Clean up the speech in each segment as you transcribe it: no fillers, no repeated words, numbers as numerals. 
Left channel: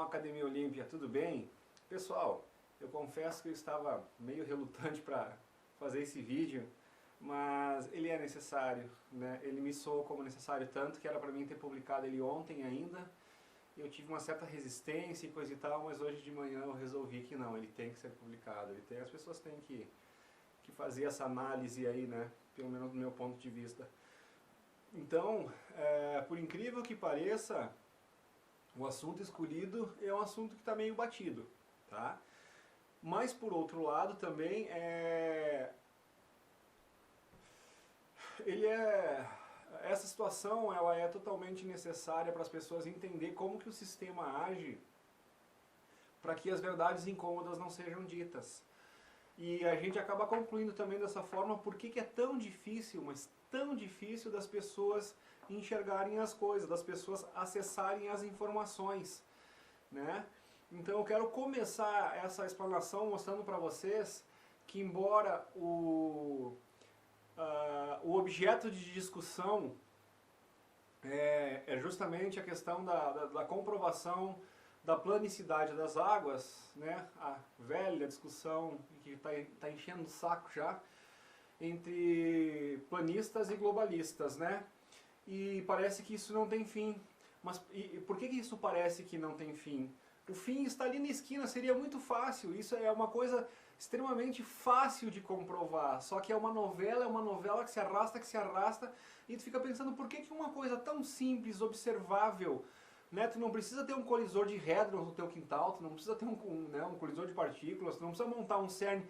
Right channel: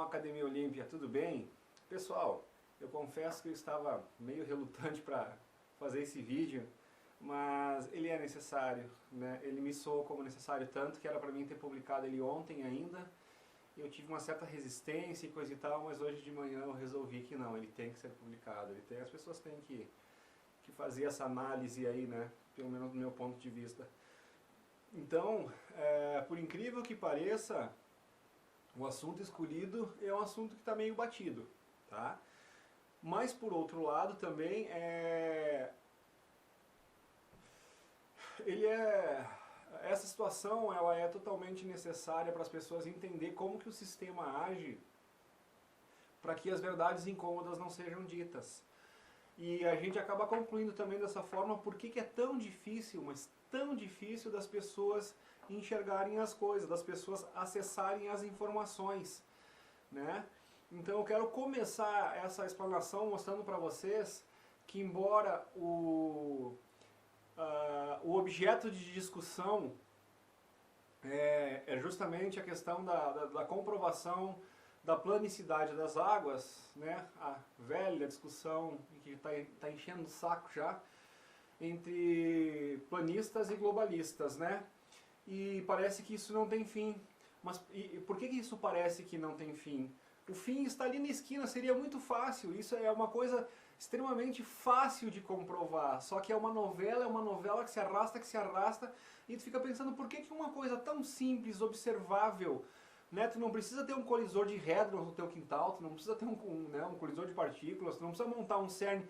canal Academia Olímpia, tudo bem? Pessoal, eu confesso que eu estava meio relutante para fazer esse vídeo, mas ele é necessário, né? Ele me soou como necessário, tanto que era para mim ter publicado ele ontem ainda. Eu tive uma certa resistência e coisa e tal, mas hoje de manhã eu resolvi que não, ele tem que ser publicado. As pessoas têm que fazer essa análise aí, né? Pelo menos do meu ponto de vista. Então, por incrível que pareça, o assunto escolhido é um assunto que está meio batido, tá? Mas por outro lado também essa situação ela é totalmente necessária para as pessoas entender como que o sistema age para que as verdades incômodas não sejam ditas. E a gente acaba concluindo também dessa forma por que é tão difícil, mas tão difícil das pessoas enxergarem as coisas, das pessoas acessarem as informações, né? Então eu quero começar essa explanação mostrando para vocês que embora o objeto de discussão é justamente a questão da comprovação da planicidade das águas, né? A velha discussão que está enchendo o saco já, entre planistas e globalistas, né? E parece que isso não tem fim. Mas por que isso parece que não tem fim? O fim está ali na esquina, seria muito fácil, isso é uma coisa extremamente fácil de comprovar, só que é uma novela que se arrasta, e tu fica pensando por que uma coisa tão simples, observável, né? Tu não precisa ter um colisor de hadrons no teu quintal, tu não precisa ter um colisor de partículas, tu não precisa montar um CERN.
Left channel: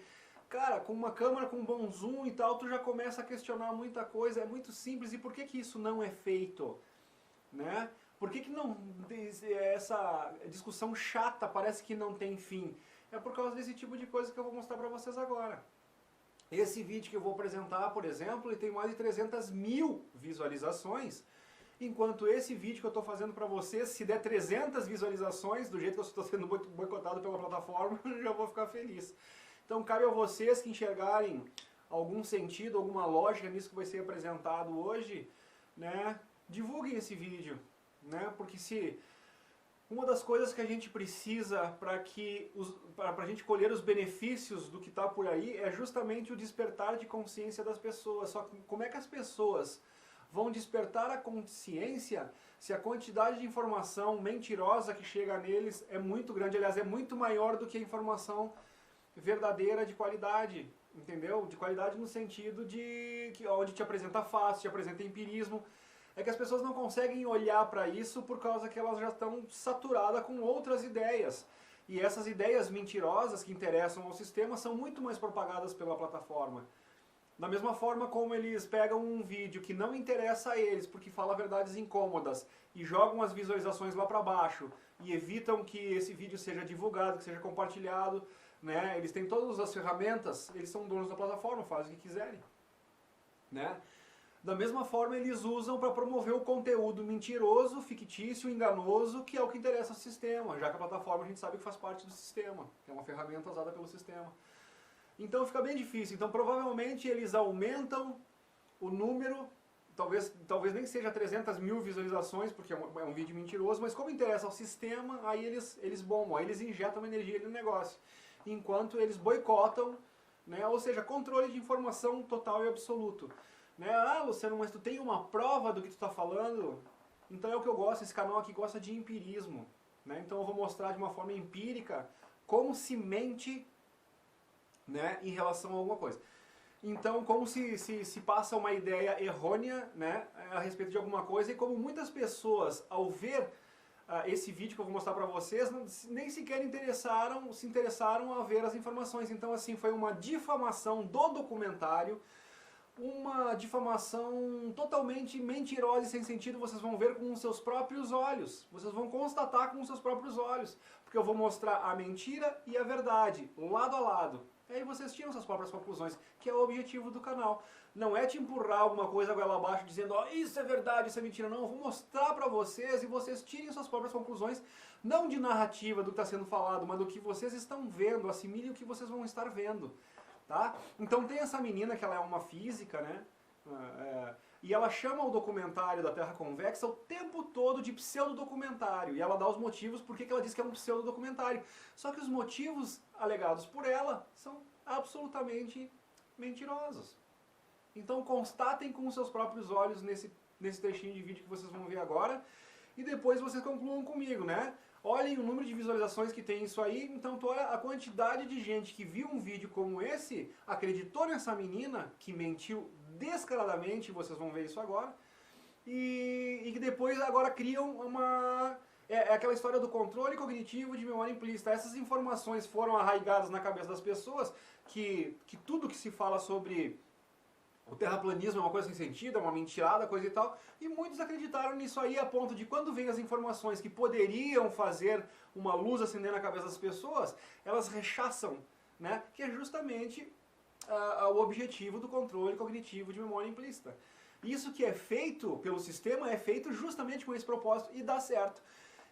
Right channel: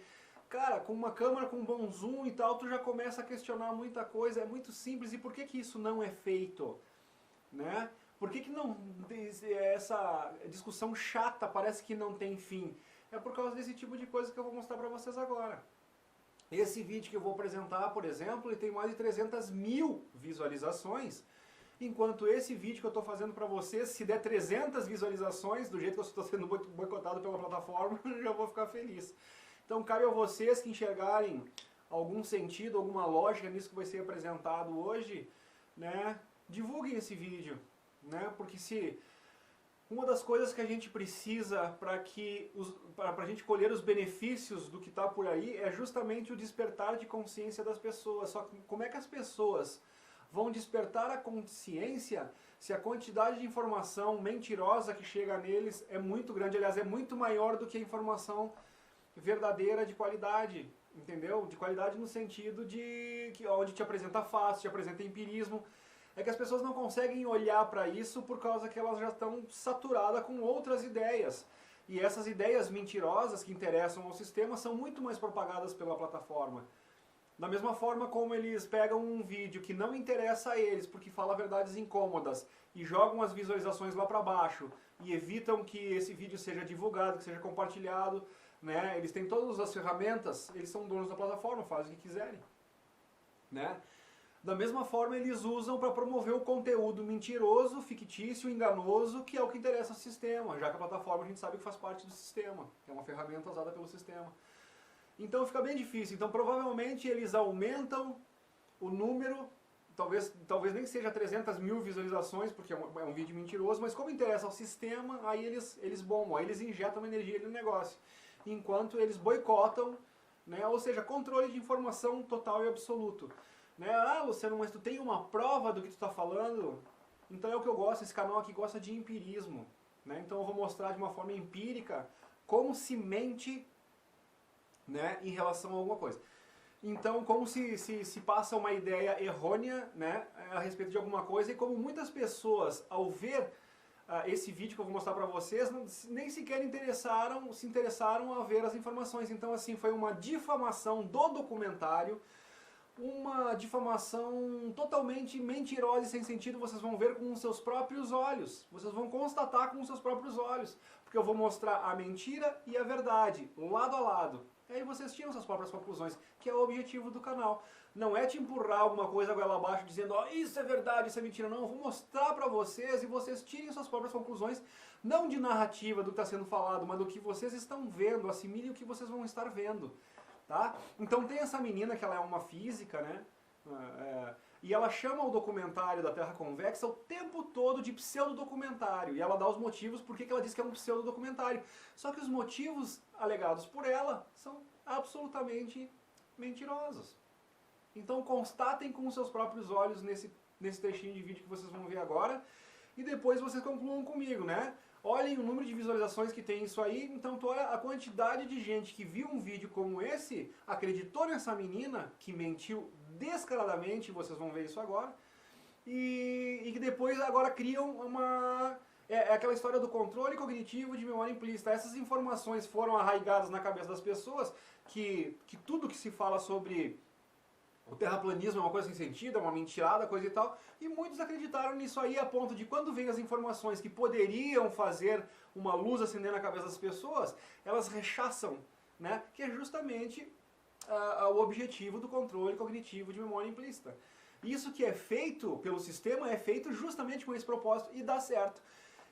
Cara, com uma câmera com um bom zoom e tal, tu já começa a questionar muita coisa, é muito simples, e por que isso não é feito? Né? Por que não essa discussão chata parece que não tem fim? É por causa desse tipo de coisa que eu vou mostrar para vocês agora. Esse vídeo que eu vou apresentar, por exemplo, ele tem mais de 300 mil visualizações, enquanto esse vídeo que eu estou fazendo para vocês, se der 300 visualizações, do jeito que eu estou sendo boicotado pela plataforma, eu já vou ficar feliz. Então cabe a vocês que enxergarem algum sentido, alguma lógica nisso que vai ser apresentado hoje, né? Divulguem esse vídeo, né? Porque se uma das coisas que a gente precisa para a gente colher os benefícios do que está por aí é justamente o despertar de consciência das pessoas. Só que como é que as pessoas vão despertar a consciência se a quantidade de informação mentirosa que chega neles é muito grande, aliás, é muito maior do que a informação verdadeira de qualidade, entendeu? De qualidade no sentido de que onde te apresenta fatos, te apresenta empirismo. É que as pessoas não conseguem olhar para isso por causa que elas já estão saturadas com outras ideias. E essas ideias mentirosas que interessam ao sistema são muito mais propagadas pela plataforma. Da mesma forma como eles pegam um vídeo que não interessa a eles, porque fala verdades incômodas, e jogam as visualizações lá para baixo, e evitam que esse vídeo seja divulgado, que seja compartilhado, né? Eles têm todas as ferramentas, eles são donos da plataforma, fazem o que quiserem, né? Da mesma forma eles usam para promover o conteúdo mentiroso, fictício, enganoso, que é o que interessa ao sistema, já que a plataforma a gente sabe que faz parte do sistema, que é uma ferramenta usada pelo sistema. Então fica bem difícil. Então provavelmente eles aumentam o número, talvez nem seja 300 mil visualizações, porque é um vídeo mentiroso, mas como interessa ao sistema, aí eles bombam, aí eles injetam energia no negócio. Enquanto eles boicotam, né, ou seja, controle de informação total e absoluto. Né? Ah, Luciano, mas tu tem uma prova do que tu está falando? Então é o que eu gosto, esse canal aqui gosta de empirismo. Né? Então eu vou mostrar de uma forma empírica como se mente, né, em relação a alguma coisa. Então, como se passa uma ideia errônea, né, a respeito de alguma coisa, e como muitas pessoas, ao ver esse vídeo que eu vou mostrar para vocês, nem sequer se interessaram a ver as informações. Então, assim, foi uma difamação do documentário, uma difamação totalmente mentirosa e sem sentido, vocês vão ver com os seus próprios olhos. Vocês vão constatar com os seus próprios olhos. Porque eu vou mostrar a mentira e a verdade, lado a lado. E aí vocês tiram suas próprias conclusões, que é o objetivo do canal. Não é te empurrar alguma coisa goela abaixo dizendo, ó, isso é verdade, isso é mentira. Não, eu vou mostrar pra vocês e vocês tirem suas próprias conclusões, não de narrativa do que está sendo falado, mas do que vocês estão vendo, assimilem o que vocês vão estar vendo. Tá? Então tem essa menina que ela é uma física, né? E ela chama o documentário da Terra Convexa o tempo todo de pseudodocumentário. E ela dá os motivos por que ela diz que é um pseudodocumentário. Só que os motivos alegados por ela são absolutamente mentirosos. Então constatem com os seus próprios olhos nesse trechinho de vídeo que vocês vão ver agora. E depois vocês concluam comigo, né? Olhem o número de visualizações que tem isso aí. Então olha a quantidade de gente que viu um vídeo como esse, acreditou nessa menina, que mentiu descaradamente, vocês vão ver isso agora, e que depois agora criam uma... É aquela história do controle cognitivo de memória implícita. Essas informações foram arraigadas na cabeça das pessoas, que tudo que se fala sobre o terraplanismo é uma coisa sem sentido, é uma mentirada, coisa e tal, e muitos acreditaram nisso aí a ponto de quando vem as informações que poderiam fazer uma luz acender na cabeça das pessoas, elas rechaçam, né? Que é justamente o objetivo do controle cognitivo de memória implícita. Isso que é feito pelo sistema é feito justamente com esse propósito e dá certo.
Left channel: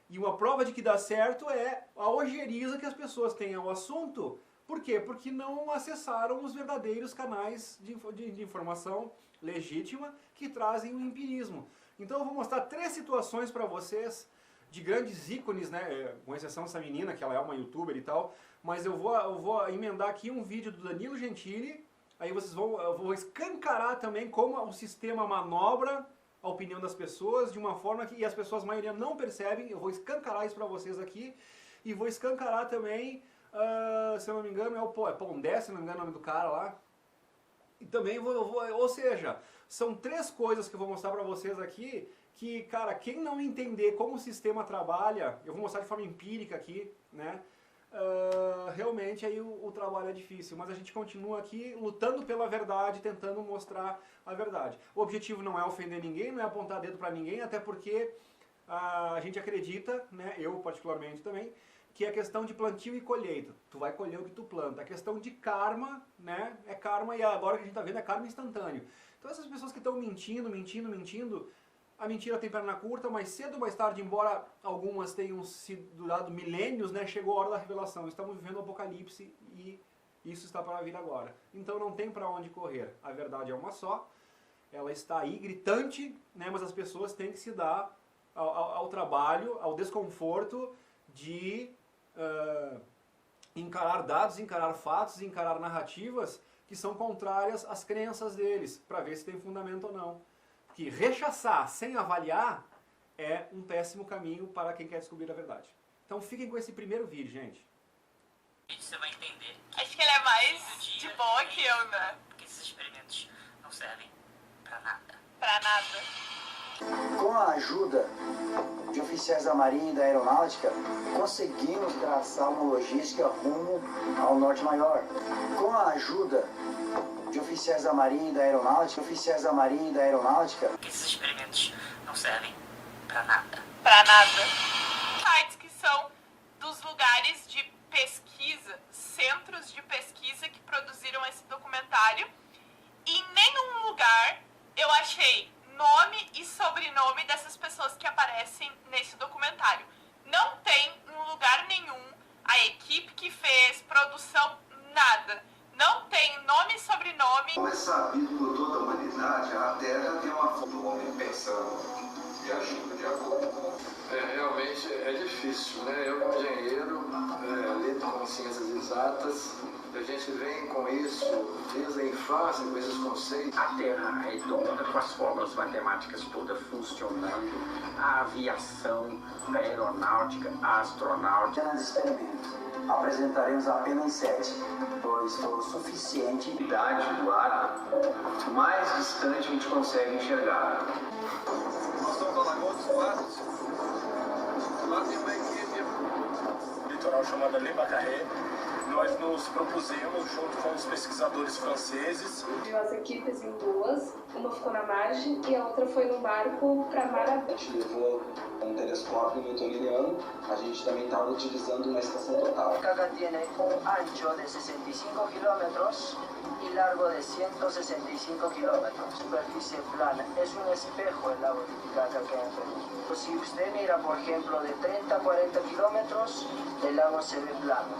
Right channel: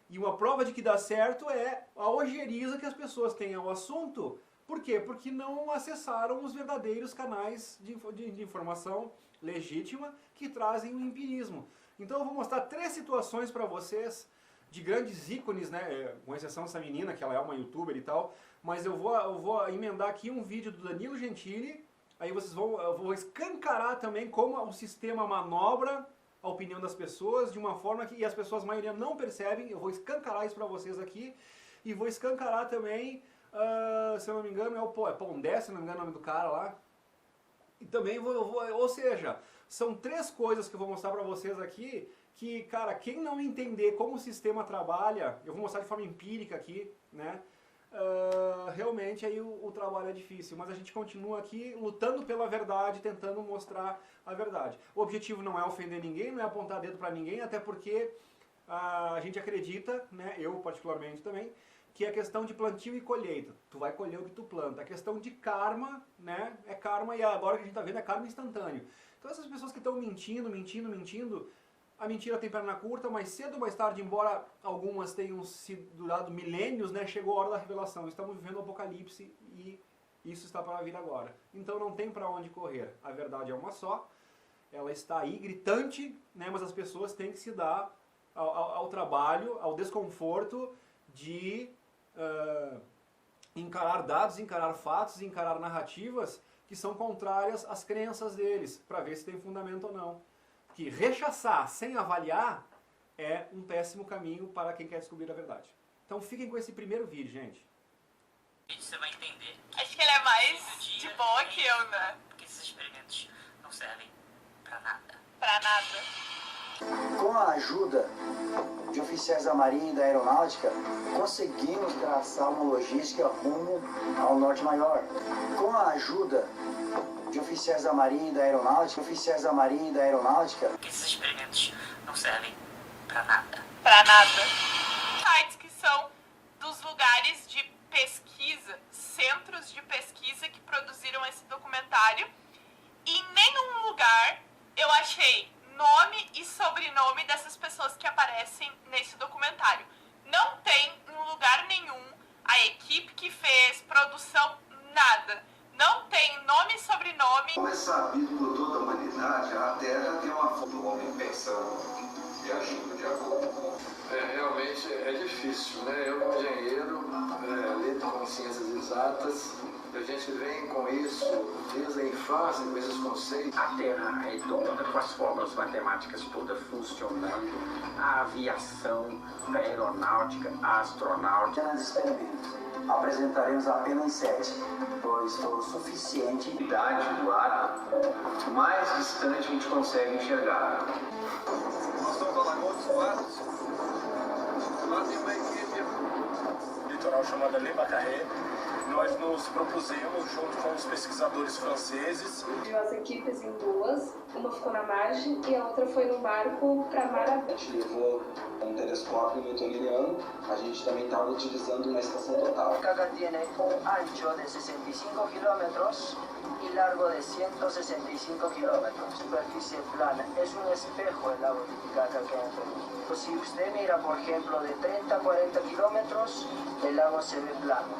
E uma prova de que dá certo é a ojeriza que as pessoas têm ao assunto. Por quê? Porque não acessaram os verdadeiros canais de informação legítima que trazem o empirismo. Então eu vou mostrar 3 situações para vocês de grandes ícones, né? Com exceção dessa menina, que ela é uma youtuber e tal, mas eu vou emendar aqui um vídeo do Danilo Gentili, aí eu vou escancarar também como o sistema manobra a opinião das pessoas de uma forma que as pessoas, a maioria, não percebem. Eu vou escancarar isso para vocês aqui, e vou escancarar também, se eu não me engano, é Pondé, se não me engano é o nome do cara lá. E também ou seja, são 3 coisas que eu vou mostrar para vocês aqui, que, cara, quem não entender como o sistema trabalha, eu vou mostrar de forma empírica aqui, né? Realmente aí o trabalho é difícil, mas a gente continua aqui lutando pela verdade, tentando mostrar a verdade. O objetivo não é ofender ninguém, não é apontar dedo para ninguém, até porque a gente acredita, né, eu particularmente também, que é questão de plantio e colheita. Tu vai colher o que tu planta. A questão de karma, né, é karma, e agora que a gente está vendo é karma instantâneo. Então essas pessoas que estão mentindo, a mentira tem perna curta, mais cedo ou mais tarde, embora algumas tenham durado milênios, né, chegou a hora da revelação. Estamos vivendo o apocalipse e isso está para vir agora. Então não tem para onde correr. A verdade é uma só, ela está aí gritante, né, mas as pessoas têm que se dar ao trabalho, ao desconforto de encarar dados, encarar fatos, encarar narrativas que são contrárias às crenças deles, para ver se tem fundamento ou não. Que rechaçar sem avaliar é um péssimo caminho para quem quer descobrir a verdade. Então fiquem com esse primeiro vídeo, gente. Você vai entender. Acho que ele é mais de boa que eu, né? Porque esses experimentos não servem pra nada. Pra nada. Com a ajuda de oficiais da Marinha e da Aeronáutica, conseguimos traçar uma logística rumo ao Norte Maior. Com a ajuda de oficiais da Marinha e da Aeronáutica, Porque esses experimentos não servem pra nada. Pra nada. Sites que são dos lugares de pesquisa, centros de pesquisa que produziram esse documentário. E em nenhum lugar eu achei nome e sobrenome dessas pessoas que aparecem nesse documentário. Não tem em lugar nenhum a equipe que fez, produção, nada. Não tem nome e sobrenome. Como é sabido por toda a humanidade, a Terra tem uma forma do homem pensando e agindo de acordo com... Realmente é difícil, né? Eu, como engenheiro, lido com ciências exatas, a gente vem com isso desde a infância, com esses conceitos. A Terra é redonda, com as fórmulas matemáticas todas funcionando, a aviação, a aeronáutica, a astronáutica. Apenas experimentos. Apresentaremos apenas 7, pois foi o suficiente. A idade do ar, mais distante a gente consegue enxergar. Nós estamos na Lagoa dos Patos. Lá tem uma equipe litoral chamada Le Macaré. Nós nos propusemos, junto com os pesquisadores franceses. As equipes em 2, uma ficou na margem e a outra foi num barco para Marabá. A gente levou um telescópio newtoniano, a gente também estava utilizando uma estação total. Cada tem ancho de 65 kilómetros y largo de 165 kilómetros. Superficie plana. Es un espejo el lago Titicaca que hay en Perú. Si usted mira, por ejemplo, de 30 a 40 kilómetros, el lago se ve plano.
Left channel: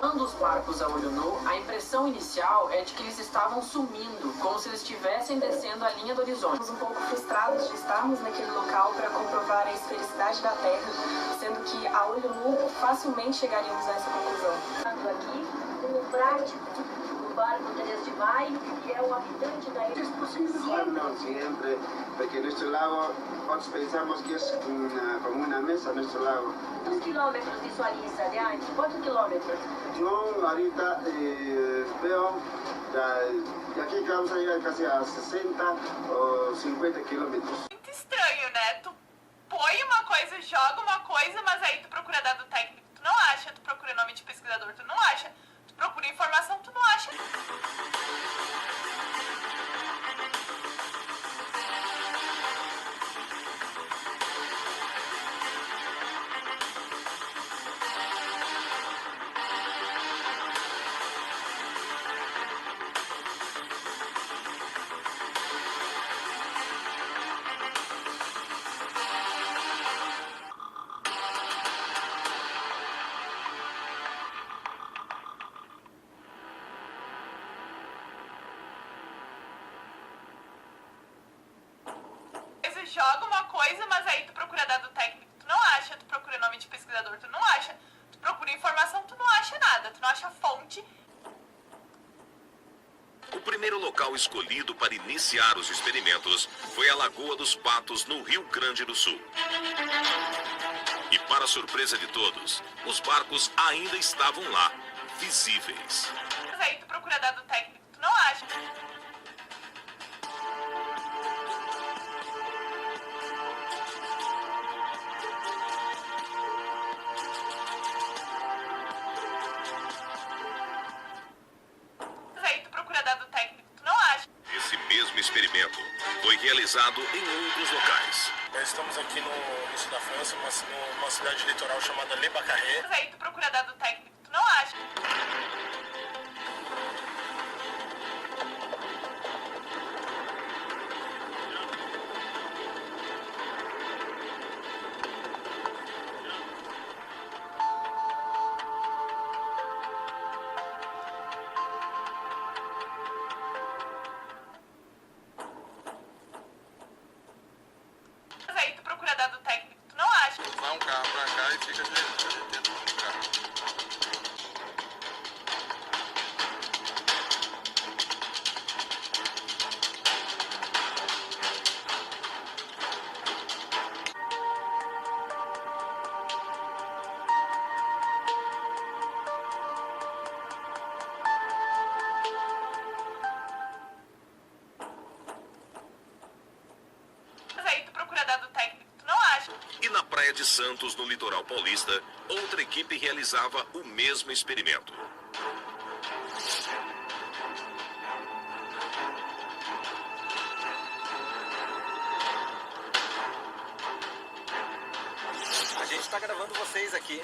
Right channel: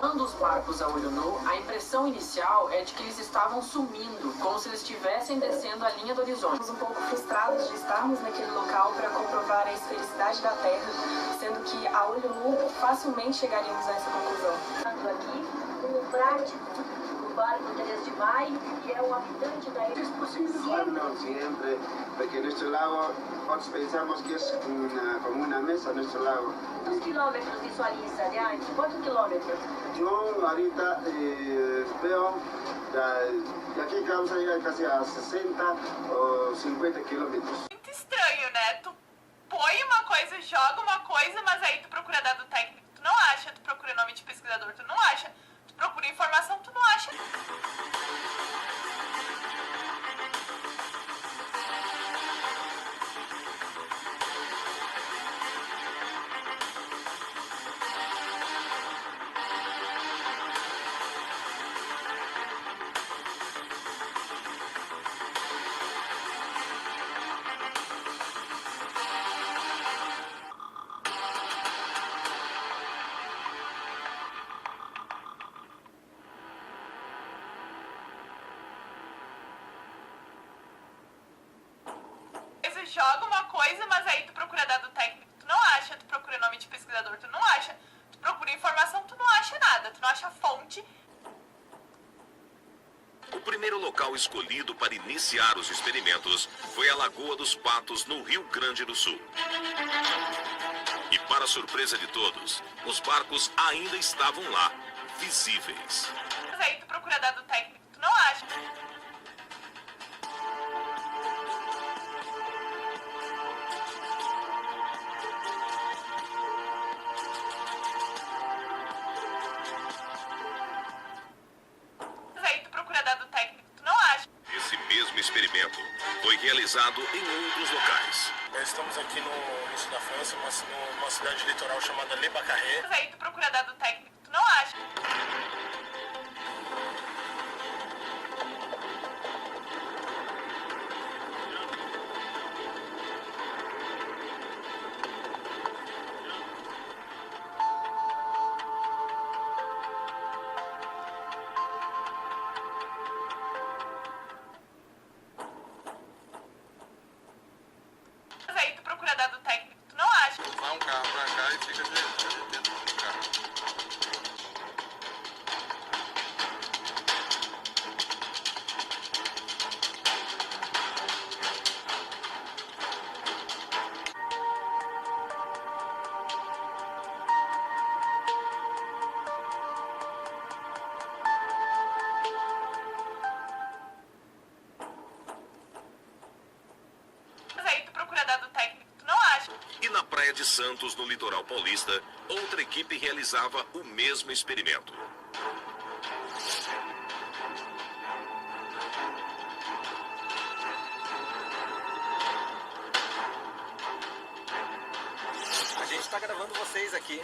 Quando os barcos a olho nu, a impressão inicial é de que eles estavam sumindo, como se eles estivessem descendo a linha do horizonte. Estamos um pouco frustrados de estarmos naquele local para comprovar a esfericidade da Terra, sendo que a olho nu facilmente chegaríamos a essa conclusão. Aqui, como prático, o barco 3 de maio, que é o habitante da ilha. Es posible, no siempre, porque nuestro lago, nosotros pensamos que es como una mesa nuestro lago. Quantos quilômetros visualiza de antes? Quantos quilômetros? Yo ahorita veo de aquí que vamos a llegar casi a 60 o 50 kilómetros. Muito estranho, né? Tu põe uma coisa, joga uma coisa, mas aí tu procura dado técnico, tu não acha. Tu procura nome de pesquisador, tu não acha. Tu procura informação, tu não acha. Joga uma coisa, mas aí tu procura dado técnico, tu não acha. Tu procura nome de pesquisador, tu não acha. Tu procura informação, tu não acha nada. Tu não acha fonte. O primeiro local escolhido para iniciar os experimentos foi a Lagoa dos Patos, no Rio Grande do Sul. E para surpresa de todos, os barcos ainda estavam lá, visíveis. Mas aí tu procura dado técnico, tu não acha. Experimento foi realizado em outros locais. Estamos aqui no sul da França, numa cidade litoral chamada Le Bacarré. Mas aí tu procura dado técnico, tu não acha. Vai um carro pra cá e fica dentro do carro. Mas aí tu procura dado técnico, tu não acha. E na Praia de Santos, no litoral paulista, outra equipe realizava o mesmo experimento. A gente está gravando vocês aqui.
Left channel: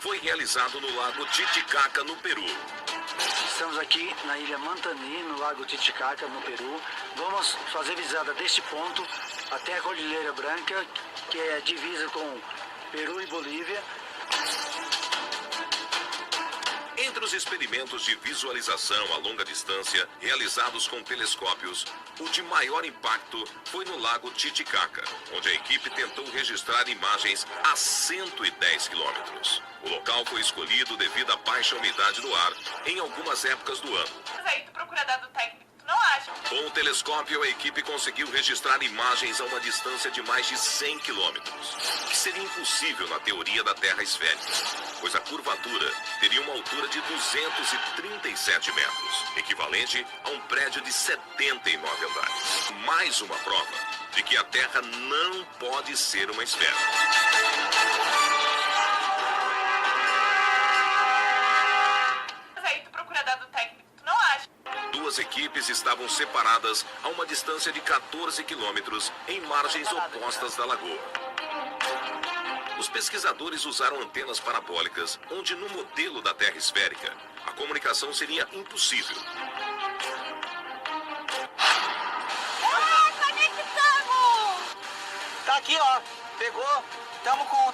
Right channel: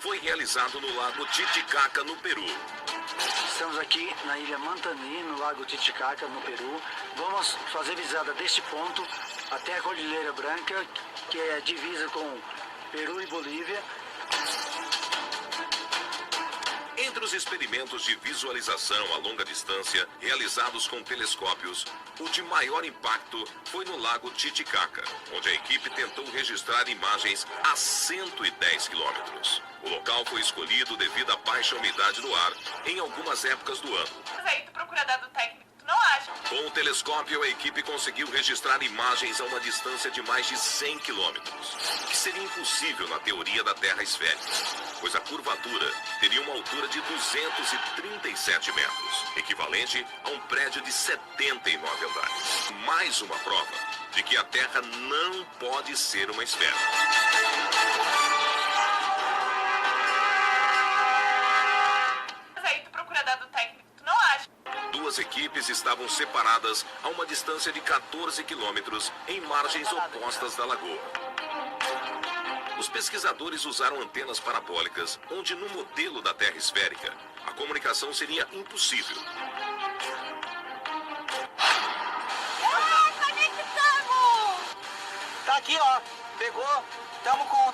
Foi realizado no Lago Titicaca, no Peru. Estamos aqui na ilha Mantani, no Lago Titicaca, no Peru. Vamos fazer visada deste ponto até a Cordilheira Branca, que é divisa com Peru e Bolívia. Entre os experimentos de visualização a longa distância realizados com telescópios, o de maior impacto foi no Lago Titicaca, onde a equipe tentou registrar imagens a 110 quilômetros. O local foi escolhido devido à baixa umidade do ar em algumas épocas do ano. Mas aí tu procura dado técnico, tu não acha. Com o telescópio, a equipe conseguiu registrar imagens a uma distância de mais de 100 quilômetros, que seria impossível na teoria da Terra esférica, pois a curvatura teria uma altura de 237 metros, equivalente a um prédio de 79 andares. Mais uma prova de que a Terra não pode ser uma esfera. Mas aí tu procura dado técnico, tu não acha. Duas equipes estavam separadas a uma distância de 14 quilômetros em margens opostas da lagoa. Os pesquisadores usaram antenas parabólicas, onde no modelo da Terra esférica, a comunicação seria impossível. Tá aqui, ó. Pegou.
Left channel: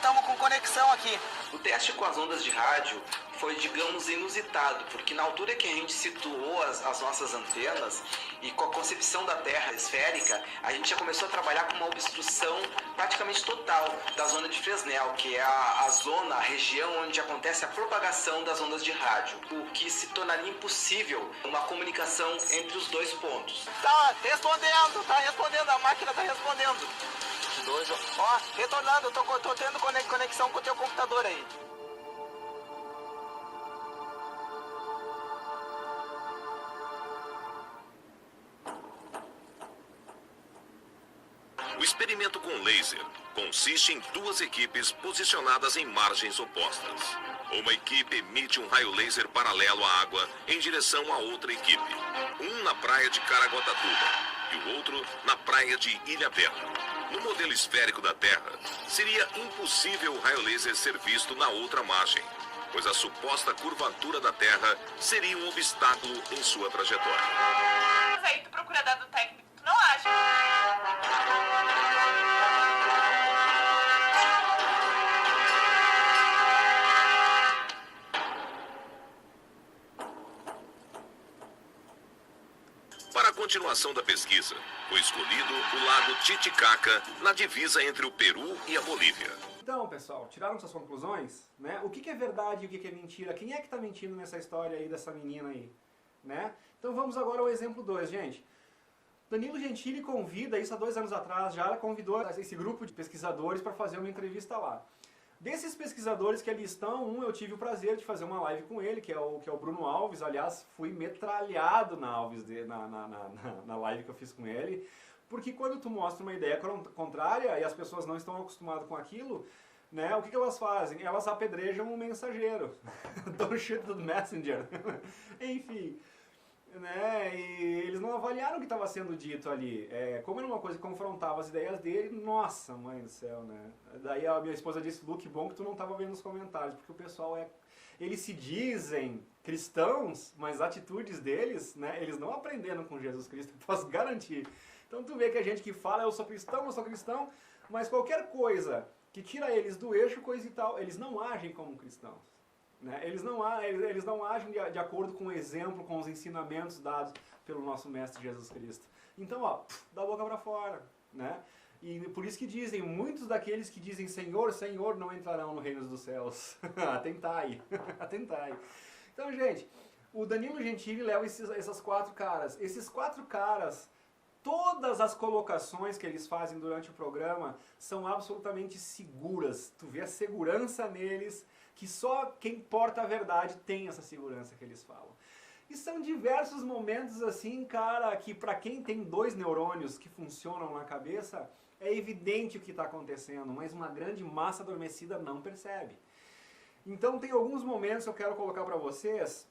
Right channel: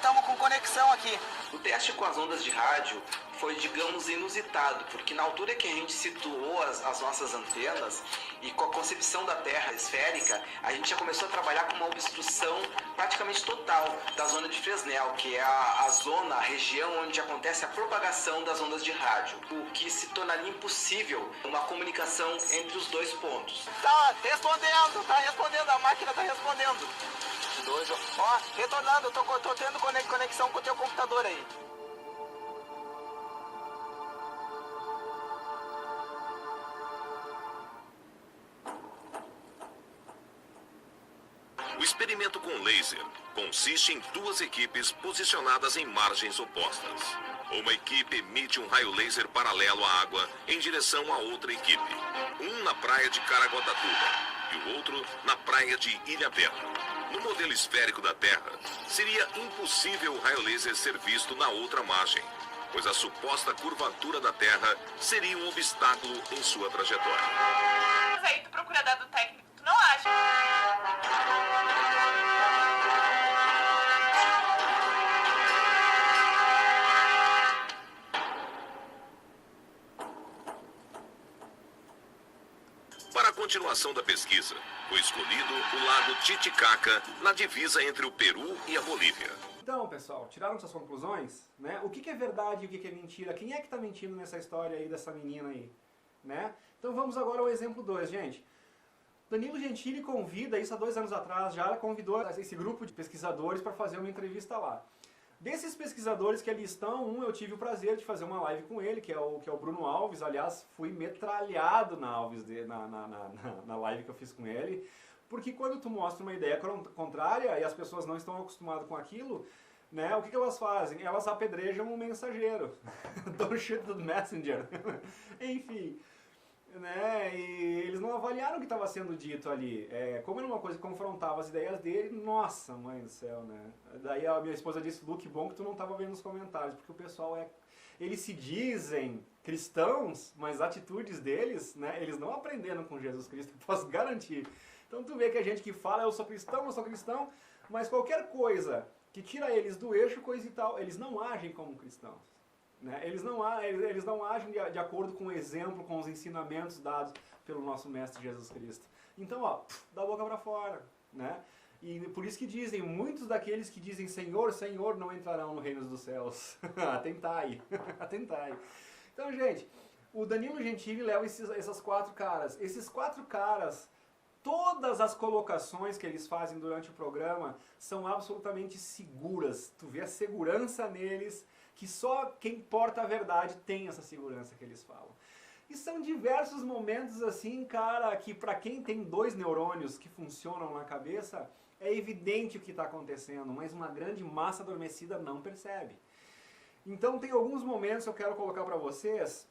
Tamo com conexão aqui. O teste com as ondas de rádio foi, digamos, inusitado, porque na altura que a gente situou as nossas antenas e com a concepção da Terra esférica, a gente já começou a trabalhar com uma obstrução praticamente total da zona de Fresnel, que é a zona, a região onde acontece a propagação das ondas de rádio, o que se tornaria impossível uma comunicação entre os dois pontos. Tá respondendo, a máquina tá respondendo. Ó, retornando, tô tendo conexão com o teu computador aí. O experimento com laser consiste em duas equipes posicionadas em margens opostas. Uma equipe emite um raio laser paralelo à água em direção à outra equipe. Um na praia de Caraguatatuba e o outro na praia de Ilhabela. No modelo esférico da Terra, seria impossível o raio laser ser visto na outra margem, pois a suposta curvatura da Terra seria um obstáculo em sua trajetória. Mas aí tu procura dado técnico, tu não acha? Para a continuação da pesquisa, foi escolhido o lago Titicaca, na divisa entre o Peru e a Bolívia. Então, pessoal, tiraram suas conclusões, né? O que é verdade e o que é mentira? Quem é que tá mentindo nessa história aí dessa menina aí, né? Então vamos agora ao exemplo 2, gente. Danilo Gentili convida, isso há 2 anos atrás já, convidou esse grupo de pesquisadores para fazer uma entrevista lá. Desses pesquisadores que ali estão, eu tive o prazer de fazer uma live com ele, que é o Bruno Alves. Aliás, fui metralhado na live que eu fiz com ele, porque quando tu mostra uma ideia contrária e as pessoas não estão acostumadas com aquilo, né, o que elas fazem? Elas apedrejam o mensageiro. Don't shoot the messenger. Enfim, né, e eles não avaliaram o que estava sendo dito ali. Como era uma coisa que confrontava as ideias dele, nossa, mãe do céu, né? Daí a minha esposa disse, Lu, que bom que tu não estava vendo os comentários, porque o pessoal eles se dizem cristãos, mas as atitudes deles, né, eles não aprenderam com Jesus Cristo, posso garantir. Então tu vê que a gente que fala, eu sou cristão, mas qualquer coisa que tira eles do eixo, coisa e tal, eles não agem como cristãos. Né? Eles não agem de acordo com o exemplo, com os ensinamentos dados pelo nosso Mestre Jesus Cristo. Então, ó, da boca para fora, né? E por isso que dizem, muitos daqueles que dizem Senhor, Senhor, não entrarão no reino dos céus. Atentai, atentai. Então, gente, o Danilo Gentili leva esses 4 caras. Esses 4 caras, todas as colocações que eles fazem durante o programa são absolutamente seguras. Tu vê a segurança neles, que só quem porta a verdade tem essa segurança que eles falam. E são diversos momentos assim, cara, que pra quem tem 2 neurônios que funcionam na cabeça, é evidente o que está acontecendo, mas uma grande massa adormecida não percebe. Então tem alguns momentos que eu quero colocar pra vocês,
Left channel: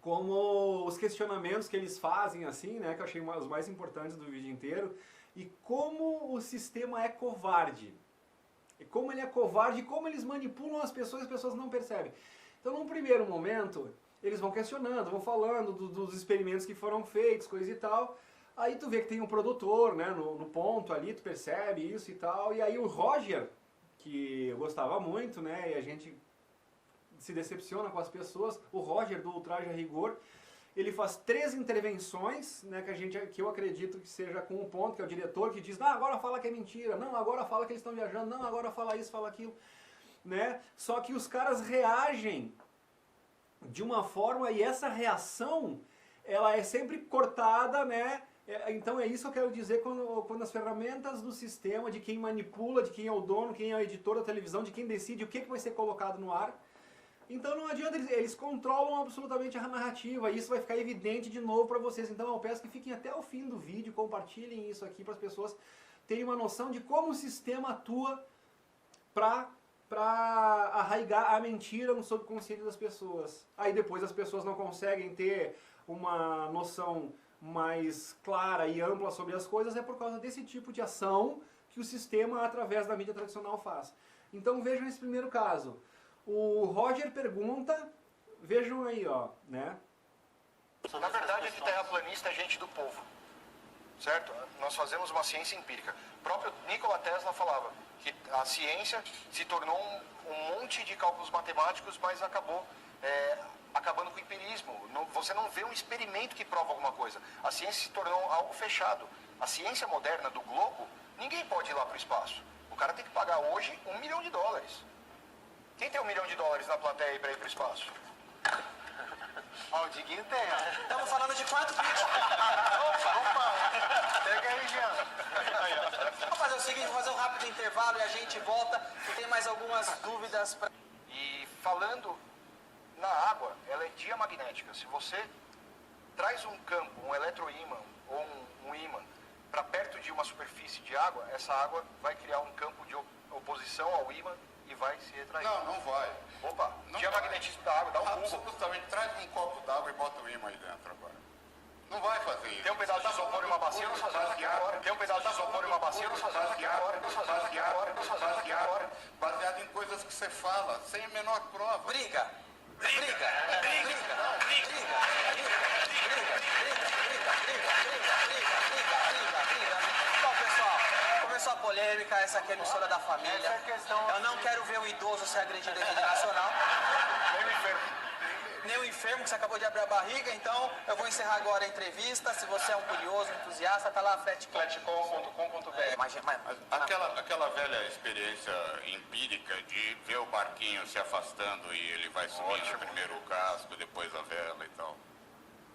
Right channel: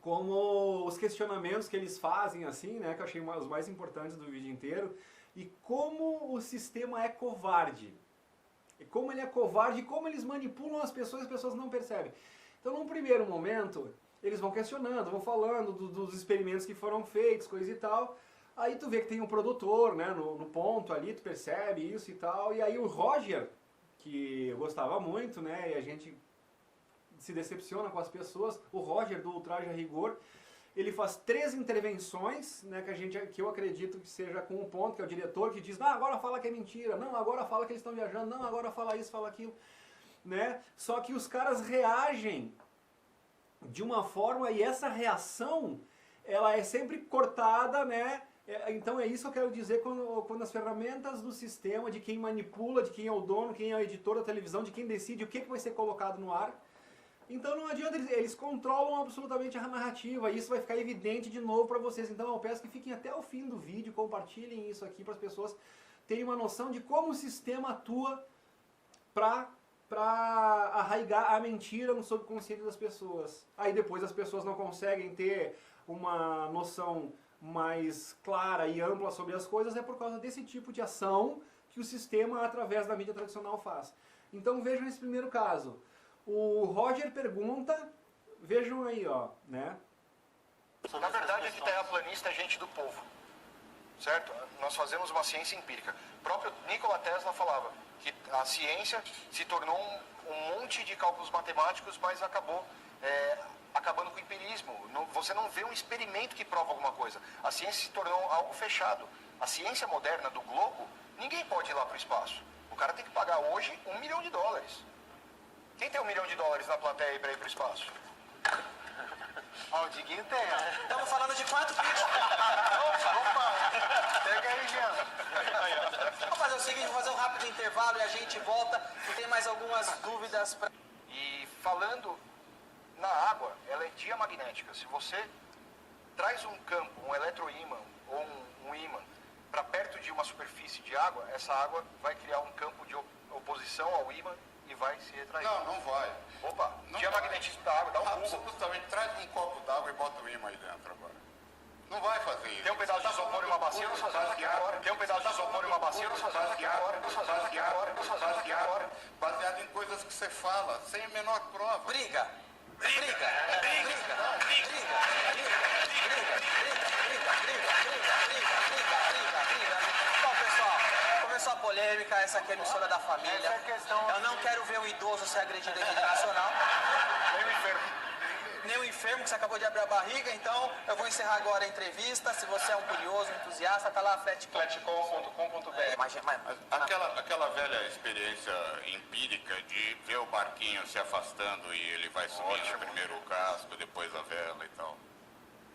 como os questionamentos que eles fazem, assim, né, que eu achei os mais importantes do vídeo inteiro, e como o sistema é covarde. E como ele é covarde e como eles manipulam as pessoas não percebem. Então, num primeiro momento, eles vão questionando, vão falando dos experimentos que foram feitos, coisa e tal. Aí tu vê que tem um produtor, né, no ponto ali, tu percebe isso e tal. E aí o Roger, que eu gostava muito, né, e a gente se decepciona com as pessoas, o Roger do Ultraje a Rigor, ele faz 3 intervenções, né, que eu acredito que seja com um ponto, que é o diretor que diz, não, agora fala que é mentira, não, agora fala que eles estão viajando, não, agora fala isso, fala aquilo, né? Só que os caras reagem de uma forma, e essa reação, ela é sempre cortada, né? Então é isso que eu quero dizer quando as ferramentas do sistema, de quem manipula, de quem é o dono, quem é o editor da televisão, de quem decide o que vai ser colocado no ar. Então não adianta, eles controlam absolutamente a narrativa, e isso vai ficar evidente de novo para vocês. Então eu peço que fiquem até o fim do vídeo, compartilhem isso aqui para as pessoas terem uma noção de como o sistema atua para arraigar a mentira no subconsciente das pessoas. Aí depois as pessoas não conseguem ter uma noção mais clara e ampla sobre as coisas, é por causa desse tipo de ação que o sistema, através da mídia tradicional, faz. Então vejam esse primeiro caso. O Roger pergunta, vejam aí, ó, né? Na verdade é que terraplanista é gente do povo, certo? Nós fazemos uma ciência empírica. O próprio Nikola Tesla falava que a ciência se tornou um monte de cálculos matemáticos, mas acabou acabando com o empirismo. Você não vê um experimento que prova alguma coisa. A ciência se tornou algo fechado. A ciência moderna do globo, ninguém pode ir lá para o espaço. O cara tem que pagar hoje $1 milhão. Quem tem $1 milhão na plateia aí para ir para o espaço? Ó, o Diguinho tem, ó. Estamos falando de quanto? Opa! Pega aí, Jean. Vamos fazer o seguinte, vamos fazer um rápido intervalo e a gente volta. E tem mais algumas dúvidas pra... E falando na água, ela é diamagnética. Se você traz um campo, um eletroímã ou um ímã para perto de uma superfície de água, essa água vai criar um campo de oposição ao ímã e vai se retrair. Não vai. Opa, diamagnetismo da água, dá um pulo. Absolutamente. Traz um copo d'água e bota o ímã aí dentro agora. Não vai fazer isso. Tem um pedaço de isopor e uma bacia, nós fazemos aqui agora. Tem um pedaço de isopor e uma bacia, nós fazemos aqui agora. Nós fazemos aqui agora. Nós fazemos aqui agora. Baseado em coisas que você fala, sem a menor prova. Briga. Bom, pessoal, começou a polêmica, essa aqui é a emissora da família. Eu não quero ver um idoso ser agredido em rede nacional. Nem o enfermo que você acabou de abrir a barriga, então eu vou encerrar agora a entrevista. Se você é um curioso, entusiasta, tá lá fletcom.com.br. Aquela velha experiência empírica de ver o barquinho se afastando e ele vai subindo primeiro o casco, depois a vela e tal.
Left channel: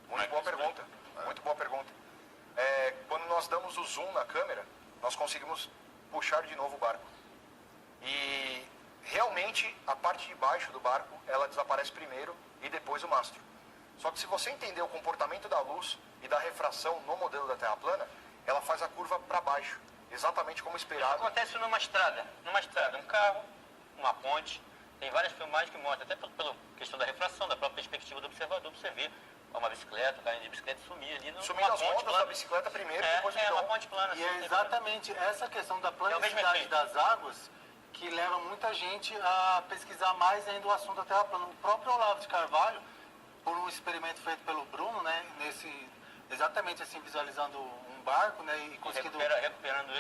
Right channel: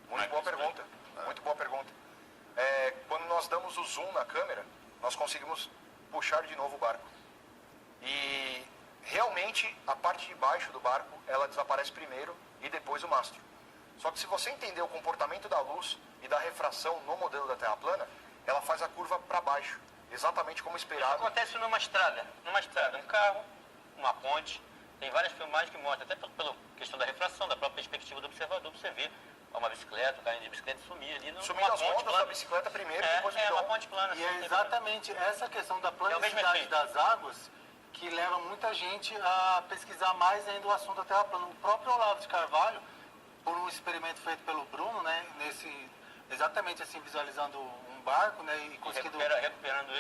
Muito boa pergunta. Muito boa pergunta. Quando nós damos o zoom na câmera, nós conseguimos puxar de novo o barco. E realmente a parte de baixo do barco, ela desaparece primeiro e depois o mastro. Só que se você entender o comportamento da luz e da refração no modelo da Terra plana, ela faz a curva para baixo, exatamente como esperado. Isso acontece numa estrada, um carro, uma ponte. Tem várias filmagens que mostram, até pela questão da refração, da própria perspectiva do observador, você vê uma bicicleta, caindo de bicicleta e sumir ali. Sumindo as rodas da bicicleta primeiro, depois uma ponte plana. E é exatamente essa questão da planicidade das águas que leva muita gente a pesquisar mais ainda o assunto da Terra plana. O próprio Olavo de Carvalho, por um experimento feito pelo Bruno, né, exatamente assim, visualizando um barco, né, e conseguindo recuperando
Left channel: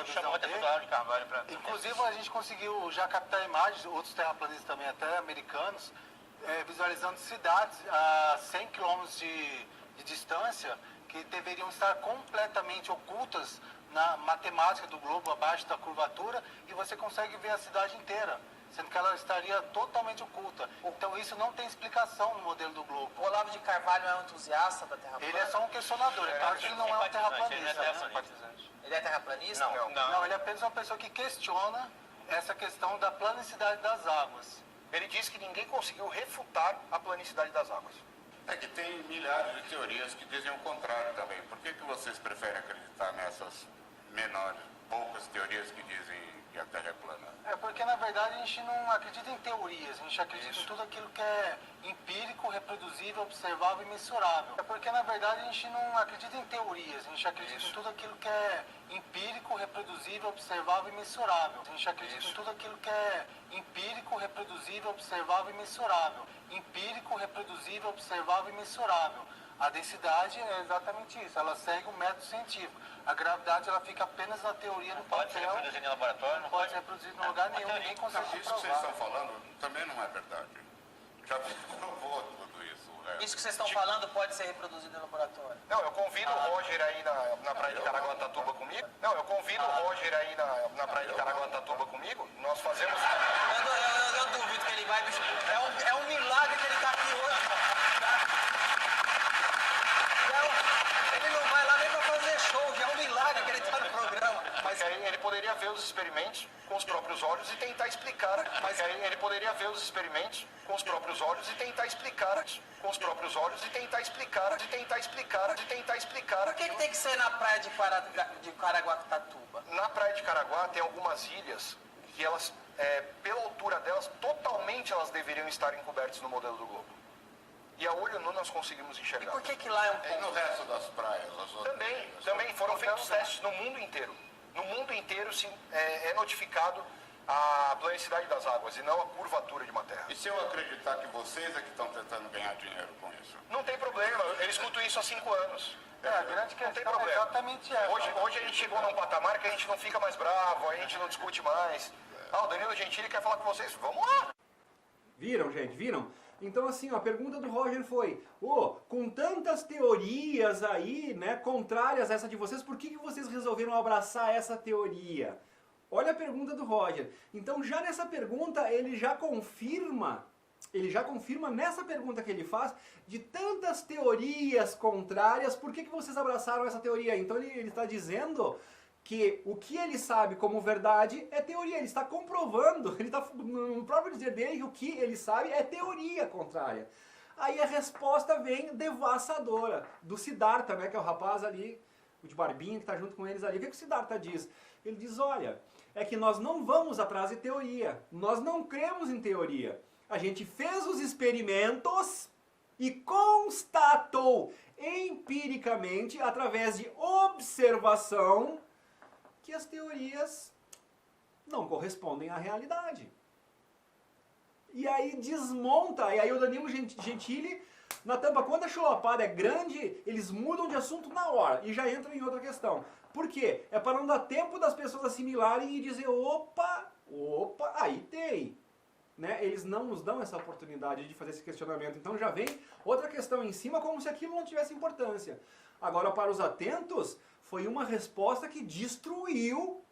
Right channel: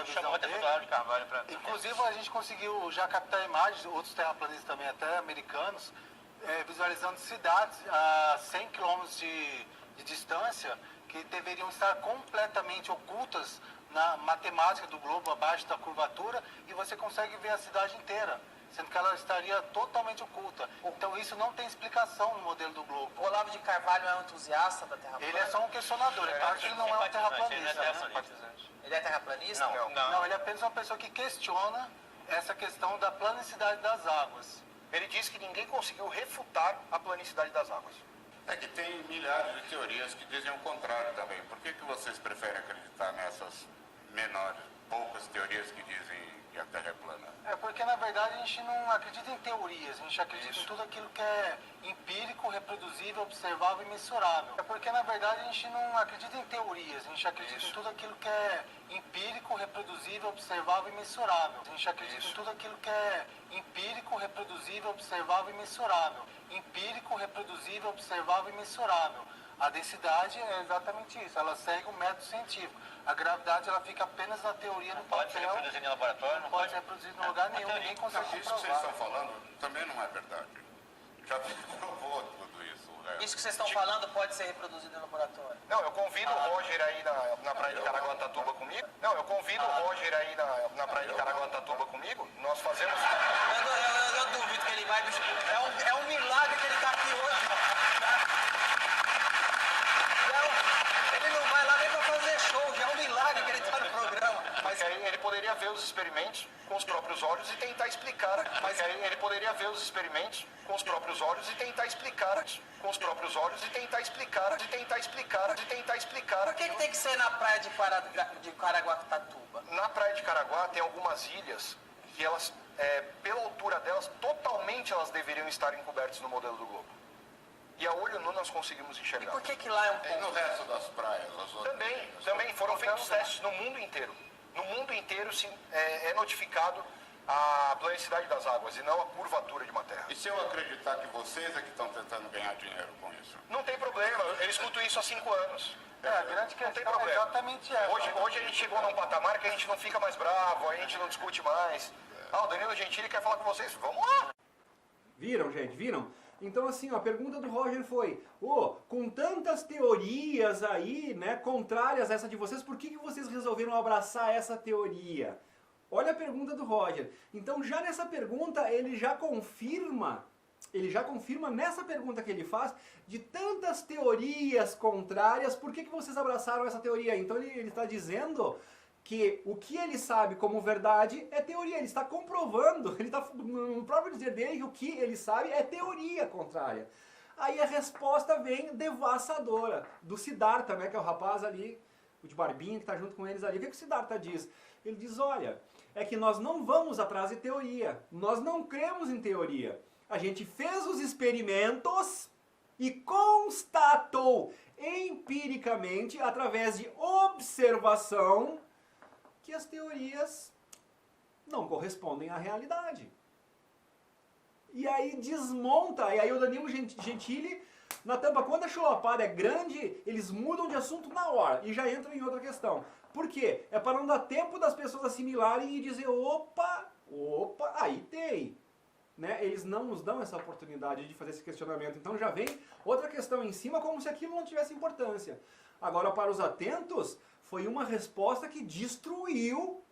a visão dele. De Carvalho Inclusive a gente conseguiu já captar imagens, outros terraplanistas também, até americanos, visualizando cidades a 100 km de distância que deveriam estar completamente ocultas na matemática do globo, abaixo da curvatura, e você consegue ver a cidade inteira, sendo que ela estaria totalmente oculta. Então isso não tem explicação no modelo do globo. O Olavo de Carvalho é um entusiasta da Terra plana? Ele é só um questionador, é claro que ele não é um terraplanista. Ele é terraplanista? Não, ele é apenas uma pessoa que questiona essa questão da planicidade das águas. Ele diz que ninguém conseguiu refutar a planicidade das águas. É que tem milhares de teorias que dizem o contrário também. Por que vocês preferem acreditar nessas menores, poucas teorias que dizem que a Terra é plana? É porque, na verdade, a gente não acredita em teorias, a gente acredita em tudo aquilo que é empírico, reproduzível, observável e mensurável. É porque, na verdade, a gente não acredita em teorias, a gente acredita em tudo aquilo que é empírico, reproduzível, observável e mensurável. A gente acredita em tudo aquilo que é empírico, reproduzível, observável e mensurável. Empírico, reproduzível, observável e mensurável. A densidade é exatamente isso, ela segue um método científico. A gravidade ela fica apenas na teoria do papel. Pode ser reproduzida em laboratório? Não pode ser reproduzida em lugar nenhum, ninguém consegue comprovar. Isso que vocês estão falando também não é verdade. Já provou tudo isso. Isso que vocês estão falando pode ser reproduzido em laboratório? Não, eu convido o Roger aí na praia de Caraguatatuba comigo. Não, eu convido o Roger aí na praia de Caraguatatuba comigo. Nós fazemos... Eu duvido que ele vai... É um milagre que ele está aqui hoje. Ele não vai lá nem para fazer show, já é um milagre que ele está no programa. Mas aí ele poderia ver os experimentos com os próprios olhos e tentar explicar. Mas aí ele poderia ver os experimentos com os próprios olhos e tentar explicar. Com os próprios olhos e tentar explicar. Por que tem que ser na praia de Caraguatatuba? Na praia de Caraguá tem algumas ilhas que elas, pela altura delas, totalmente elas deveriam estar encobertas no modelo do globo. E a olho nu nós conseguimos enxergar. E por que lá é um ponto? E no resto das praias? Também foram feitos testes no mundo inteiro. No mundo inteiro é notificado a planicidade das águas e não a curvatura de uma terra. E se eu acreditar que vocês é que estão tentando ganhar dinheiro com isso? Não tem problema, eu escuto isso há 5 anos. A grande questão não tem problema. é exatamente essa. Hoje a gente chegou num patamar que a gente não fica mais bravo, a gente não discute mais. O Danilo Gentili quer falar com vocês, vamos lá! Viram, gente? Viram? Então, assim, ó, a pergunta do Roger foi, com tantas teorias aí, né, contrárias a essa de vocês, por que vocês resolveram abraçar essa teoria? Olha a pergunta do Roger. Então, já nessa pergunta, ele já confirma nessa pergunta que ele faz, de tantas teorias contrárias, por que vocês abraçaram essa teoria? Então, ele está dizendo que o que ele sabe como verdade é teoria, ele está comprovando, ele está no próprio dizer dele que o que ele sabe é teoria contrária. Aí a resposta vem devassadora, do Siddhartha, né, que é o rapaz ali, o de barbinha que está junto com eles ali. O que o Siddhartha diz? Ele diz, olha, é que nós não vamos atrás de teoria, nós não cremos em teoria. A gente fez os experimentos e constatou empiricamente, através de observação, que as teorias não correspondem à realidade. E aí desmonta, e aí o Danilo Gentili, na tampa, quando a chulapada é grande, eles mudam de assunto na hora e já entram em outra questão. Por quê? É para não dar tempo das pessoas assimilarem e dizer, opa, aí tem. Né? Eles não nos dão essa oportunidade de fazer esse questionamento. Então já vem outra questão em cima, como se aquilo não tivesse importância. Agora, para os atentos, foi uma resposta que destruiu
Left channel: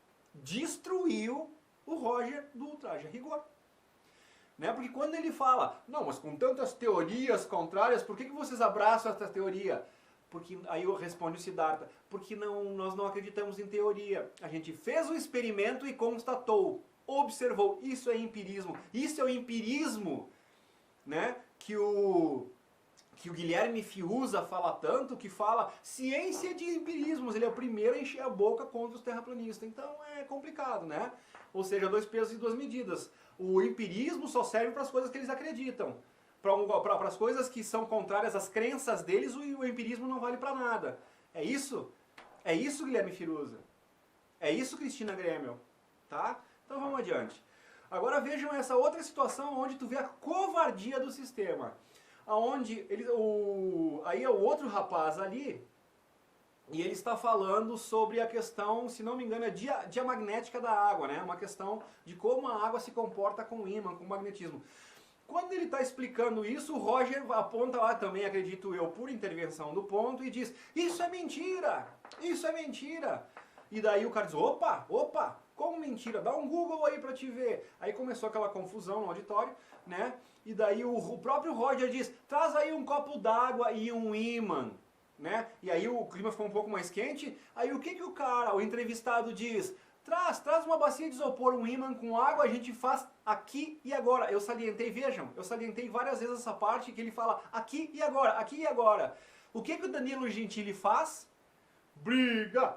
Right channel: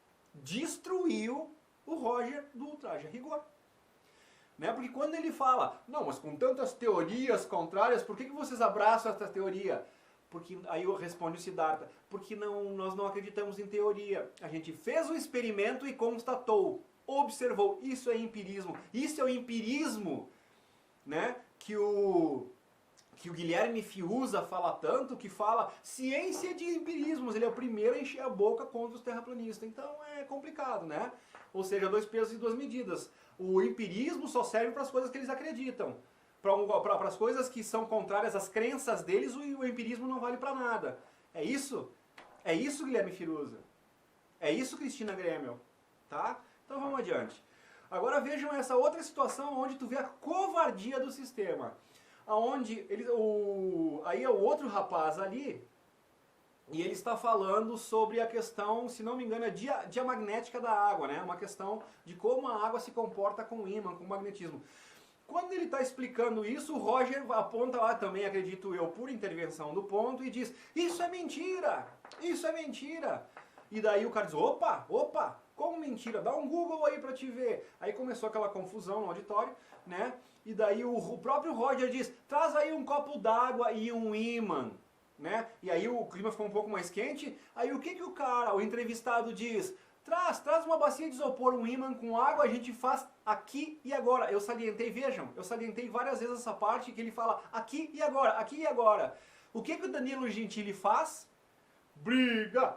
o Roger do Ultraje a Rigor. Né? Porque quando ele fala, não, mas com tantas teorias contrárias, por que vocês abraçam essa teoria? Porque, aí eu respondo o Siddhartha, porque nós não acreditamos em teoria. A gente fez o experimento e constatou, observou. Isso é empirismo. Isso é o empirismo, né? que o Guilherme Fiuza fala tanto, que fala ciência de empirismos. Ele é o primeiro a encher a boca contra os terraplanistas. Então é complicado, né? Ou seja, 2 pesos e 2 medidas. O empirismo só serve para as coisas que eles acreditam. Para as coisas que são contrárias às crenças deles, o empirismo não vale para nada. É isso? É isso, Guilherme Fiuza? É isso, Cristina Grêmio? Tá? Então vamos adiante. Agora vejam essa outra situação onde tu vê a covardia do sistema. Onde aí é o outro rapaz ali, e ele está falando sobre a questão, se não me engano, diamagnética da água, né? Uma questão de como a água se comporta com o ímã, com o magnetismo. Quando ele está explicando isso, o Roger aponta lá também, acredito eu, por intervenção do ponto, e diz, isso é mentira, isso é mentira. E daí o cara diz, opa, como mentira? Dá um Google aí pra te ver. Aí começou aquela confusão no auditório, né? E daí o próprio Roger diz, traz aí um copo d'água e um ímã, né? E aí o clima ficou um pouco mais quente. Aí o que o entrevistado diz? Traz uma bacia de isopor, um ímã com água, a gente faz aqui e agora. Eu salientei, vejam, eu salientei várias vezes essa parte que ele fala aqui e agora, aqui e agora. O que o Danilo Gentili faz? Briga,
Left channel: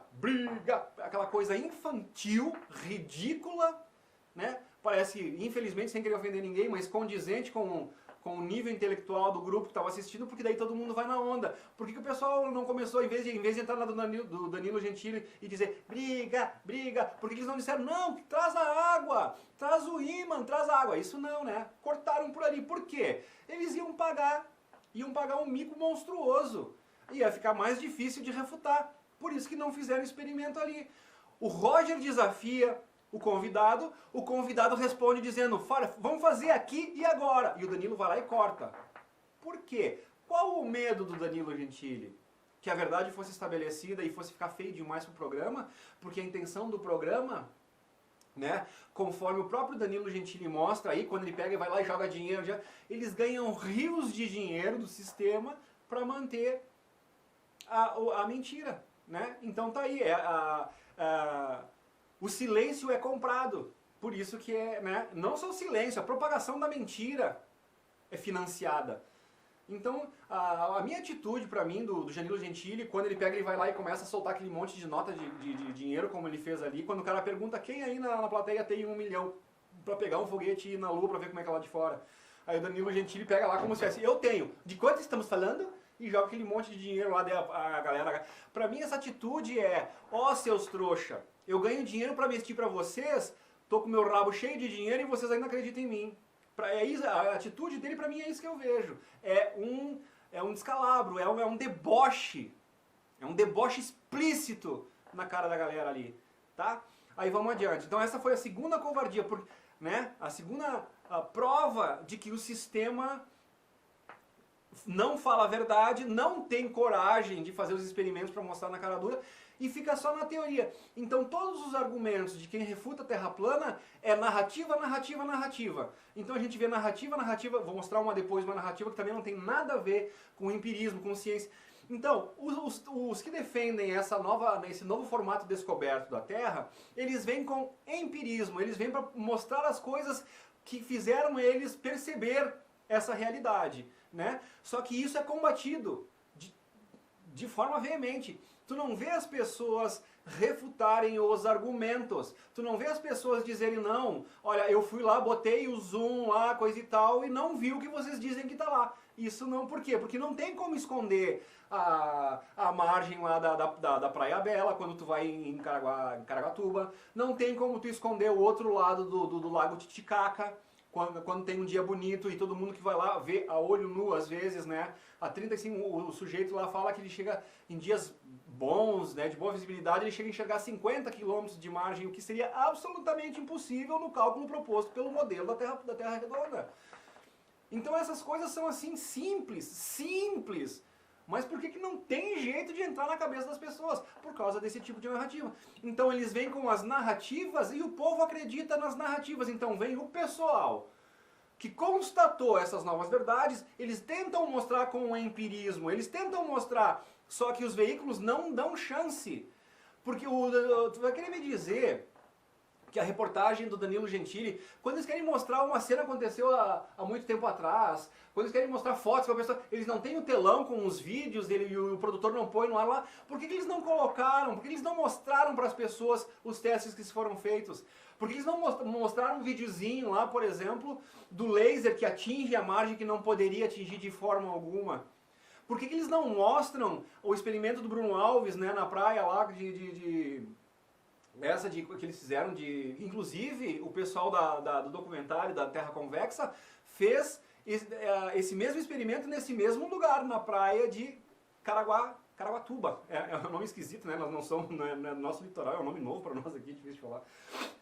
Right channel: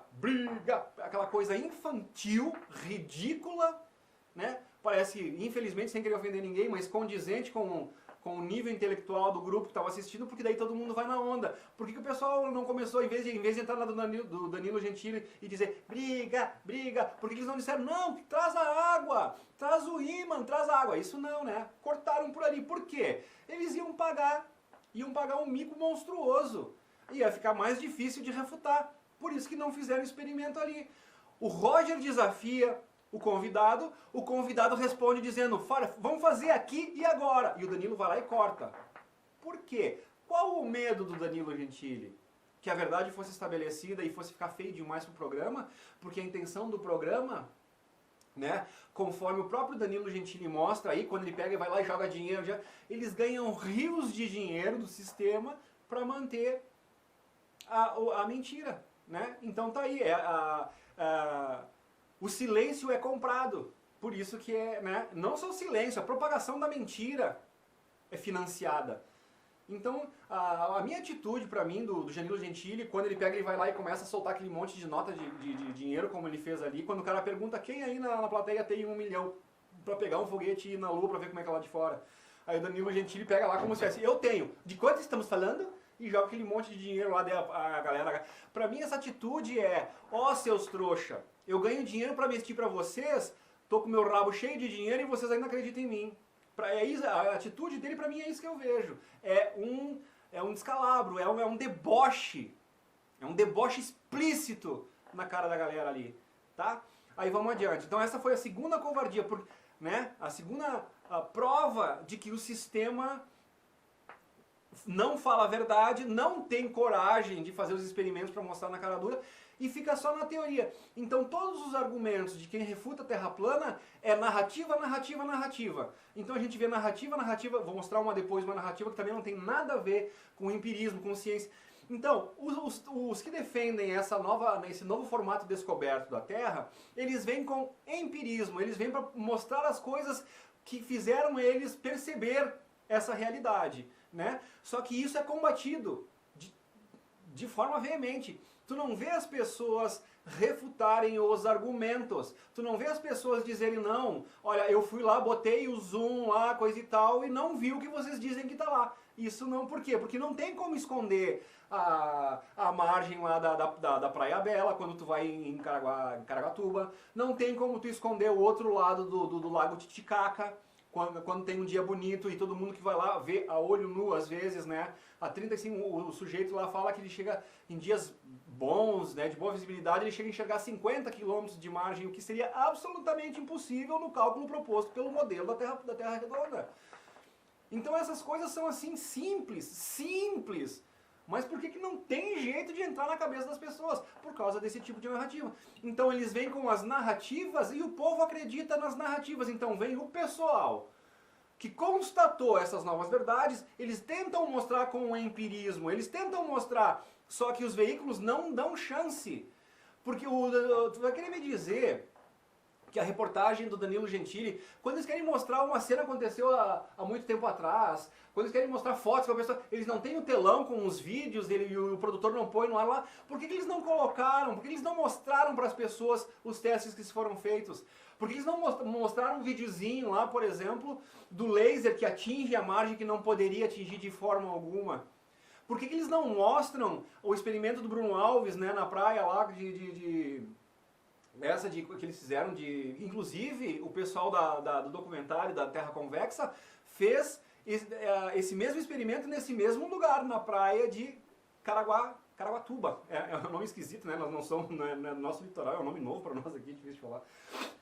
aquela coisa infantil, ridícula, né? Parece, infelizmente, sem querer ofender ninguém, mas condizente com o nível intelectual do grupo que estava assistindo, porque daí todo mundo vai na onda. Por que o pessoal não começou, em vez de entrar na do Danilo Gentili e dizer briga, por que eles não disseram, não, traz a água, traz o ímã, traz a água? Isso não, né? Cortaram por ali. Por quê? Eles iam pagar um mico monstruoso. Ia ficar mais difícil de refutar. Por isso que não fizeram experimento ali. O Roger desafia o convidado responde dizendo, vamos fazer aqui e agora. E o Danilo vai lá e corta. Por quê? Qual o medo do Danilo Gentili? Que a verdade fosse estabelecida e fosse ficar feio demais pro programa? Porque a intenção do programa, né, conforme o próprio Danilo Gentili mostra aí, quando ele pega e vai lá e joga dinheiro, eles ganham rios de dinheiro do sistema para manter a mentira. Né? Então tá aí, o silêncio é comprado, por isso que né, não só o silêncio, a propagação da mentira é financiada. Então a minha atitude para mim do Danilo Gentili, quando ele pega, ele vai lá e começa a soltar aquele monte de nota de dinheiro, como ele fez ali, quando o cara pergunta quem aí na plateia tem 1 milhão para pegar um foguete e ir na lua para ver como é que é lá de fora. Aí o Danilo Gentili pega lá como se fosse, eu tenho, de quanto estamos falando? E joga aquele monte de dinheiro lá, a galera. Pra mim essa atitude é, seus trouxa, eu ganho dinheiro pra mentir pra vocês tô com meu rabo cheio de dinheiro e vocês ainda acreditam em mim. A atitude dele pra mim é isso que eu vejo. É um descalabro, é um deboche. É um deboche explícito na cara da galera ali, tá? Aí vamos adiante. Então essa foi a segunda covardia, né? A segunda prova de que o sistema não fala a verdade, não tem coragem de fazer os experimentos para mostrar na cara dura e fica só na teoria. Então todos os argumentos de quem refuta a Terra plana é narrativa, narrativa, narrativa. Então a gente vê narrativa, narrativa, vou mostrar uma depois, uma narrativa que também não tem nada a ver com empirismo, com ciência. Então, os que defendem esse novo formato descoberto da Terra, eles vêm com empirismo, eles vêm para mostrar as coisas que fizeram eles perceber essa realidade, né? Só que isso é combatido de forma veemente. Tu não vê as pessoas refutarem os argumentos. Tu não vê as pessoas dizerem, não, olha, eu fui lá, botei o zoom lá, coisa e tal, e não vi o que vocês dizem que tá lá. Isso não, por quê? Porque não tem como esconder a margem lá da Praia Bela, quando tu vai em Caraguatatuba. Não tem como tu esconder o outro lado do Lago Titicaca, quando tem um dia bonito e todo mundo que vai lá vê a olho nu, às vezes, né? A 35, o sujeito lá fala que ele chega em dias bons, né, de boa visibilidade, ele chega a enxergar 50 km de margem, o que seria absolutamente impossível no cálculo proposto pelo modelo da Terra redonda. Então essas coisas são assim simples. Mas por que não tem jeito de entrar na cabeça das pessoas? Por causa desse tipo de narrativa. Então eles vêm com as narrativas e o povo acredita nas narrativas. Então vem o pessoal que constatou essas novas verdades, eles tentam mostrar com o empirismo, eles tentam mostrar, só que os veículos não dão chance. Porque tu vai querer me dizer que a reportagem do Danilo Gentili, quando eles querem mostrar uma cena que aconteceu há muito tempo atrás, quando eles querem mostrar fotos com a pessoa, eles não têm o telão com os vídeos e o produtor não põe no ar lá, por que eles não colocaram, por que eles não mostraram para as pessoas os testes que foram feitos? Por que eles não mostraram um videozinho lá, por exemplo, do laser que atinge a margem que não poderia atingir de forma alguma? Por que eles não mostram o experimento do Bruno Alves, né, na praia lá que eles fizeram inclusive o pessoal do documentário da Terra Convexa fez esse mesmo experimento nesse mesmo lugar, na praia de Caraguatatuba. É um nome esquisito, né? Nós não somos, não é nosso litoral, é um nome novo para nós aqui, difícil de falar.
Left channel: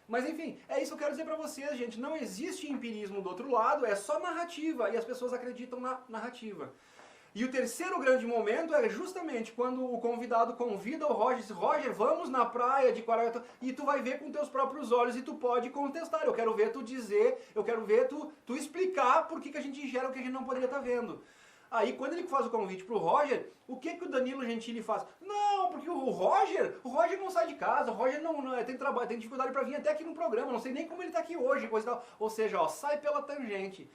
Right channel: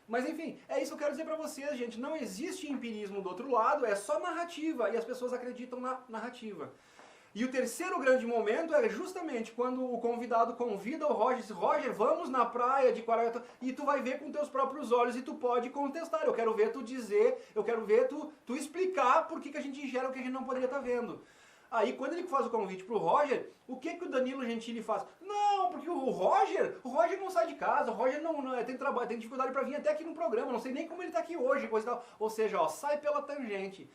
Mas enfim, é isso que eu quero dizer para vocês, gente. Não existe empirismo do outro lado, é só narrativa, e as pessoas acreditam na narrativa. E o terceiro grande momento é justamente quando o convidado convida o Roger e diz, Roger, vamos na praia de Caraguatatuba, e tu vai ver com teus próprios olhos e tu pode contestar. Eu quero ver tu dizer, eu quero ver tu explicar por que a gente enxerga o que a gente não poderia estar vendo. Aí quando ele faz o convite pro Roger, o que o Danilo Gentili faz? Não, porque o Roger não sai de casa, o Roger não tem dificuldade para vir até aqui no programa, não sei nem como ele tá aqui hoje, coisa e tal. Ou seja, ó, sai pela tangente.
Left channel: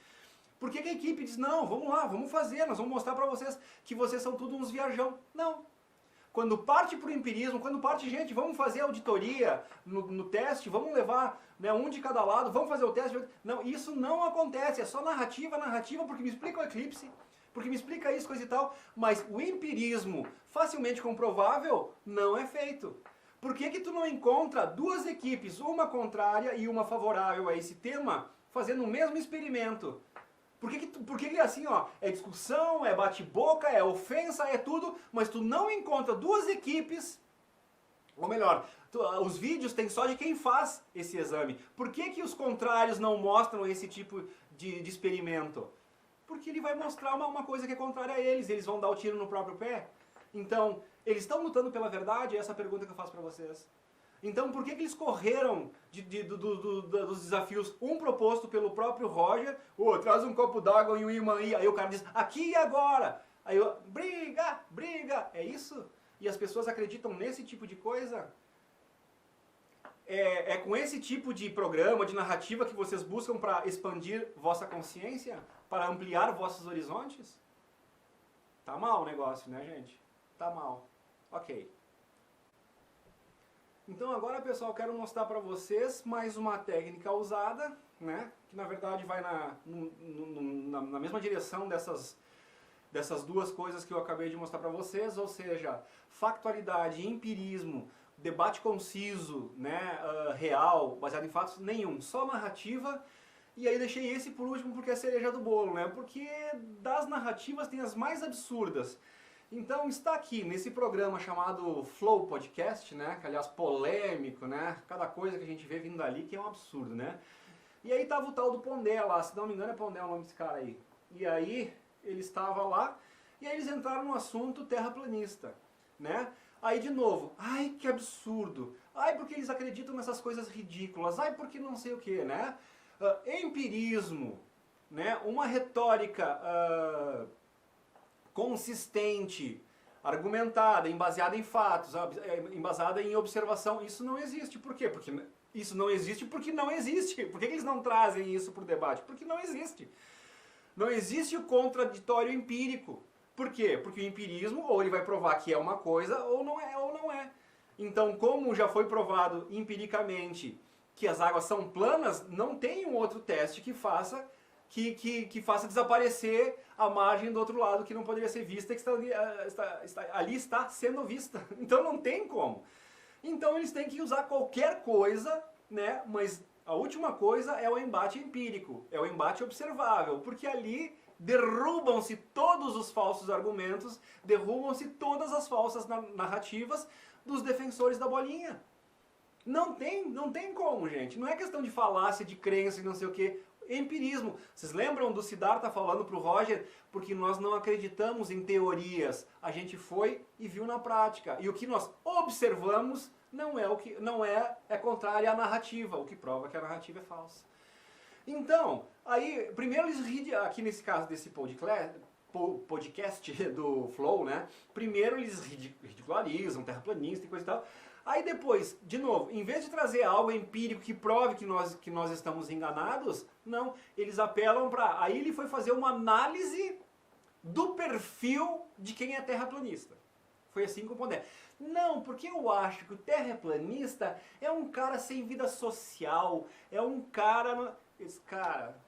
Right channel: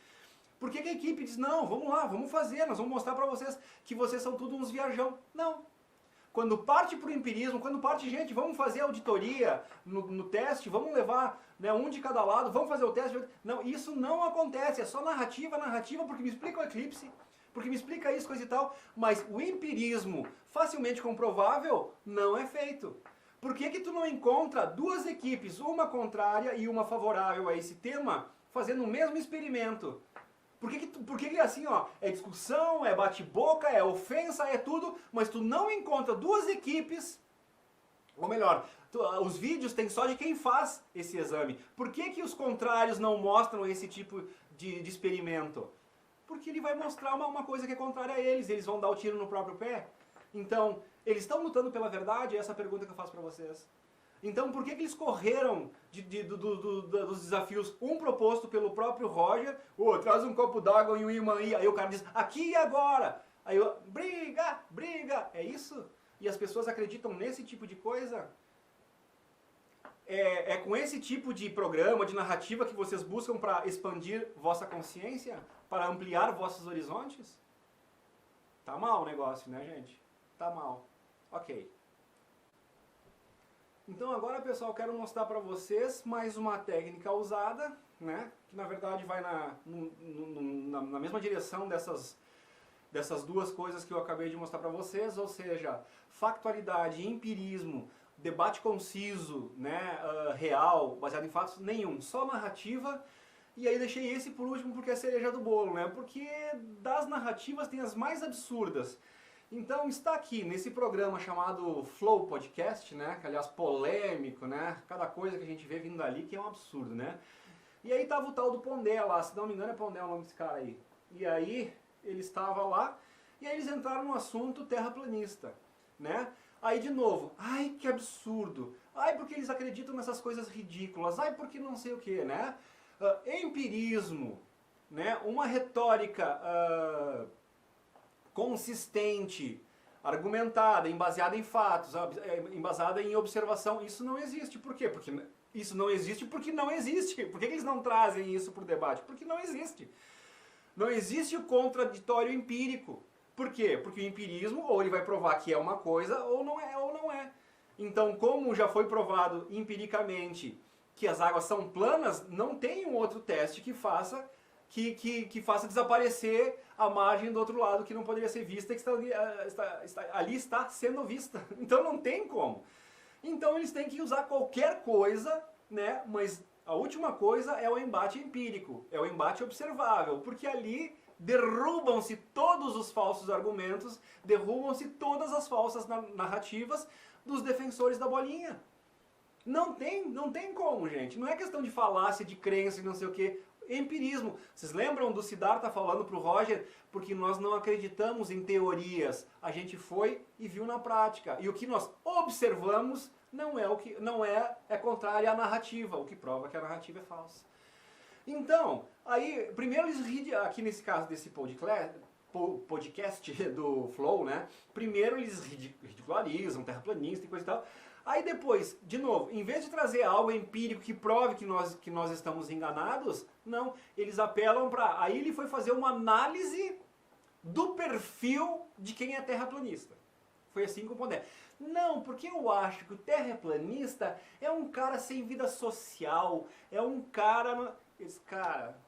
Por que a equipe diz, não, vamos lá, vamos fazer, nós vamos mostrar para vocês que vocês são tudo uns viajão? Não. Quando parte pro empirismo, quando parte, gente, vamos fazer auditoria no teste, vamos levar, né, um de cada lado, vamos fazer o teste. Não, isso não acontece, é só narrativa, porque me explica o eclipse, porque me explica isso, coisa e tal, mas o empirismo facilmente comprovável não é feito. Por que tu não encontra duas equipes, uma contrária e uma favorável a esse tema, fazendo o mesmo experimento? Por que assim, ó, é discussão, é bate-boca, é ofensa, é tudo, mas tu não encontra duas equipes, ou melhor, os vídeos tem só de quem faz esse exame. Por que os contrários não mostram esse tipo de experimento? Porque ele vai mostrar uma coisa que é contrária a eles vão dar o tiro no próprio pé. Então, eles estão lutando pela verdade? Essa é a pergunta que eu faço pra vocês. Então, por que eles correram dos desafios, um proposto pelo próprio Roger, traz um copo d'água e um imã aí o cara diz, aqui e agora, aí briga, é isso? E as pessoas acreditam nesse tipo de coisa? É com esse tipo de programa, de narrativa que vocês buscam para expandir vossa consciência? Para ampliar vossos horizontes? Tá mal o negócio, né, gente? Tá mal. Ok. Então agora, pessoal, quero mostrar para vocês mais uma técnica usada, né? Que na verdade vai na mesma direção dessas duas coisas que eu acabei de mostrar para vocês, ou seja, factualidade e empirismo debate conciso, né, real, baseado em fatos, nenhum. Só narrativa. E aí deixei esse por último porque é a cereja do bolo, né? Porque das narrativas tem as mais absurdas. Então está aqui nesse programa chamado Flow Podcast, né? Que aliás polêmico, né? Cada coisa que a gente vê vindo dali que é um absurdo, né? E aí tava o tal do Pondé lá, se não me engano é Pondé o nome desse cara aí. E aí ele estava lá e aí eles entraram no assunto terraplanista, né? Aí de novo, ai que absurdo, ai porque eles acreditam nessas coisas ridículas, ai porque não sei o que, né? Empirismo, né? Uma retórica consistente, argumentada, embasada em fatos, embasada em observação, isso não existe. Por quê? Porque isso não existe porque não existe. Por que eles não trazem isso para o debate? Porque não existe. Não existe o contraditório empírico. Por quê? Porque o empirismo, ou ele vai provar que é uma coisa, ou não é. Então, como já foi provado empiricamente que as águas são planas, não tem um outro teste que faça desaparecer a margem do outro lado que não poderia ser vista, que ali está sendo vista. Então não tem como. Então eles têm que usar qualquer coisa, né? Mas a última coisa é o embate empírico, é o embate observável, porque ali derrubam-se todos os falsos argumentos, derrubam-se todas as falsas narrativas dos defensores da bolinha. Não tem como, gente. Não é questão de falácia, de crença e não sei o que. Empirismo. Vocês lembram do Siddhartha falando pro Roger? Porque nós não acreditamos em teorias. A gente foi e viu na prática. E o que nós observamos é contrário à narrativa, o que prova que a narrativa é falsa. Então, aí, primeiro eles, aqui nesse caso desse podcast do Flow, né? Primeiro eles ridicularizam, terraplanista e coisa e tal. Aí depois, de novo, em vez de trazer algo empírico que prove que nós estamos enganados, não, eles apelam para... Aí ele foi fazer uma análise do perfil de quem é terraplanista. Foi assim com o Pondé. Não, porque eu acho que o terraplanista é um cara sem vida social, é um cara... Esse cara,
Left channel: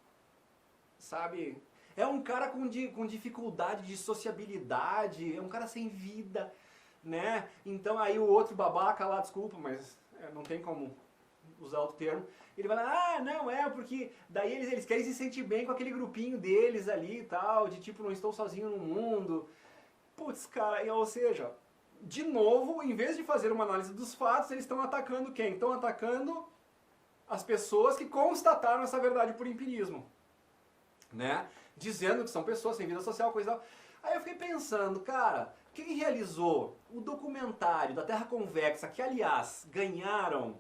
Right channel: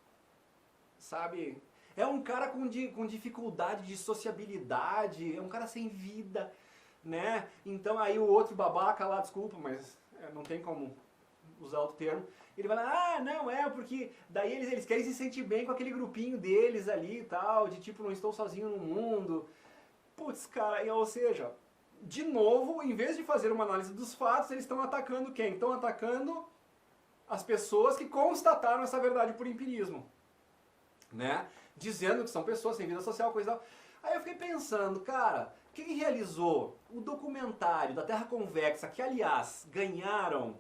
sabe... É um cara com dificuldade de sociabilidade, é um cara sem vida... Né? Então aí o outro babaca lá, desculpa, mas não tem como usar outro termo, ele vai lá, não, porque daí eles querem se sentir bem com aquele grupinho deles ali e tal, de tipo, não estou sozinho no mundo. Putz, cara, ou seja, de novo, em vez de fazer uma análise dos fatos, eles estão atacando quem? Estão atacando as pessoas que constataram essa verdade por empirismo, né? Dizendo que são pessoas sem vida social, coisa e tal. Aí eu fiquei pensando, cara, quem realizou o documentário da Terra Convexa, que aliás ganharam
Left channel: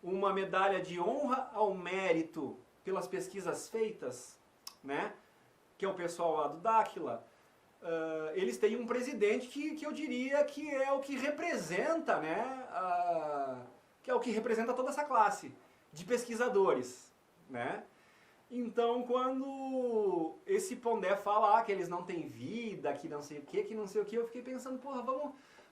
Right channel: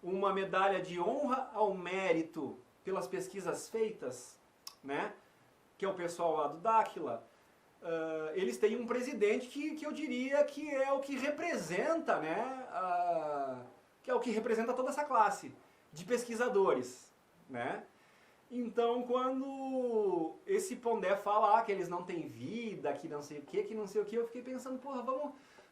uma medalha de honra ao mérito pelas pesquisas feitas, né? Que é o pessoal lá do Dáquila, eles têm um presidente que eu diria que é o que representa, né? Que é o que representa toda essa classe de pesquisadores, né? Então, quando esse Pondé fala que eles não têm vida, que não sei o que, eu fiquei pensando, porra,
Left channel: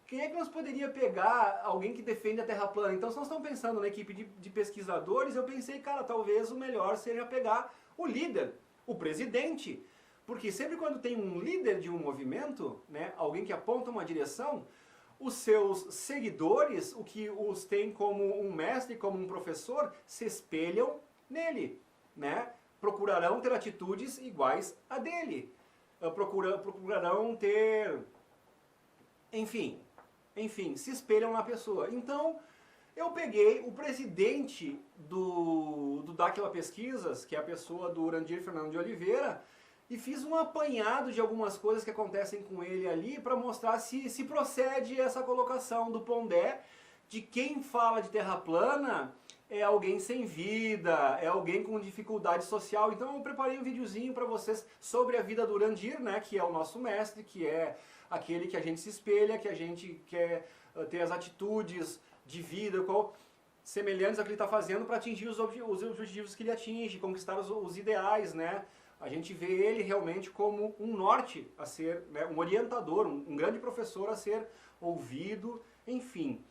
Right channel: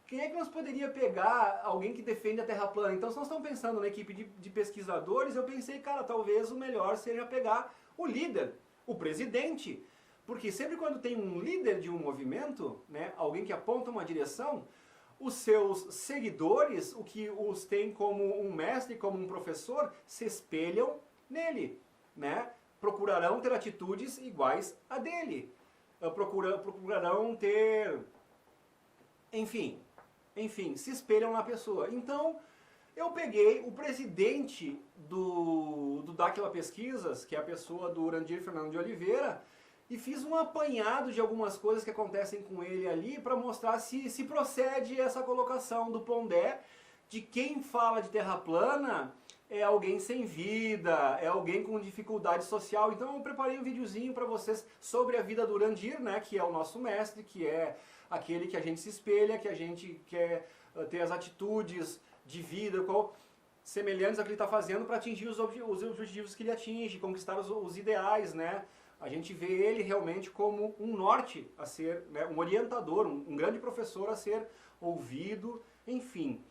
quem é que nós poderia pegar alguém que defende a Terra plana? Então, se nós estamos pensando na equipe de pesquisadores, eu pensei, cara, talvez o melhor seja pegar o líder, o presidente. Porque sempre quando tem um líder de um movimento, né, alguém que aponta uma direção, os seus seguidores, o que os tem como um mestre, como um professor, se espelham nele, né? Procurarão ter atitudes iguais a dele. Procurarão ter... Enfim, se espelham na pessoa. Então, eu peguei o presidente do Dáquila Pesquisas, que é a pessoa do Urandir Fernando de Oliveira, e fiz um apanhado de algumas coisas que acontecem com ele ali para mostrar se procede essa colocação do Pondé de quem fala de terra plana é alguém sem vida, é alguém com dificuldade social. Então eu preparei um videozinho para vocês sobre a vida do Urandir, né, que é o nosso mestre, que é aquele que a gente se espelha, que a gente quer ter as atitudes de vida semelhantes ao que ele está fazendo para atingir os objetivos que ele atinge, conquistar os ideais, né? A gente vê ele realmente como um norte a ser, né, um orientador, um grande professor a ser ouvido, enfim.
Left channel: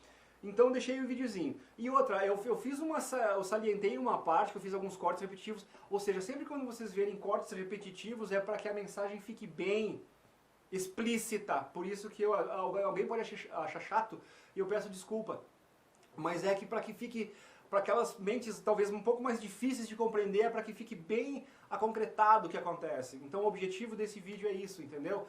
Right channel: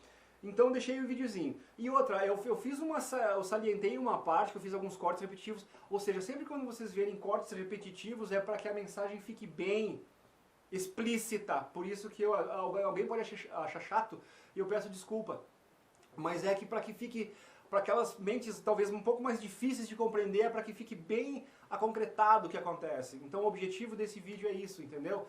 Então eu deixei o videozinho. E outra, eu salientei uma parte, que eu fiz alguns cortes repetitivos, ou seja, sempre quando vocês verem cortes repetitivos é para que a mensagem fique bem explícita. Por isso que alguém pode achar chato e eu peço desculpa. mas é que para que fique, para aquelas mentes talvez um pouco mais difíceis de compreender, é para que fique bem aconcretado o que acontece. Então o objetivo desse vídeo é isso, entendeu?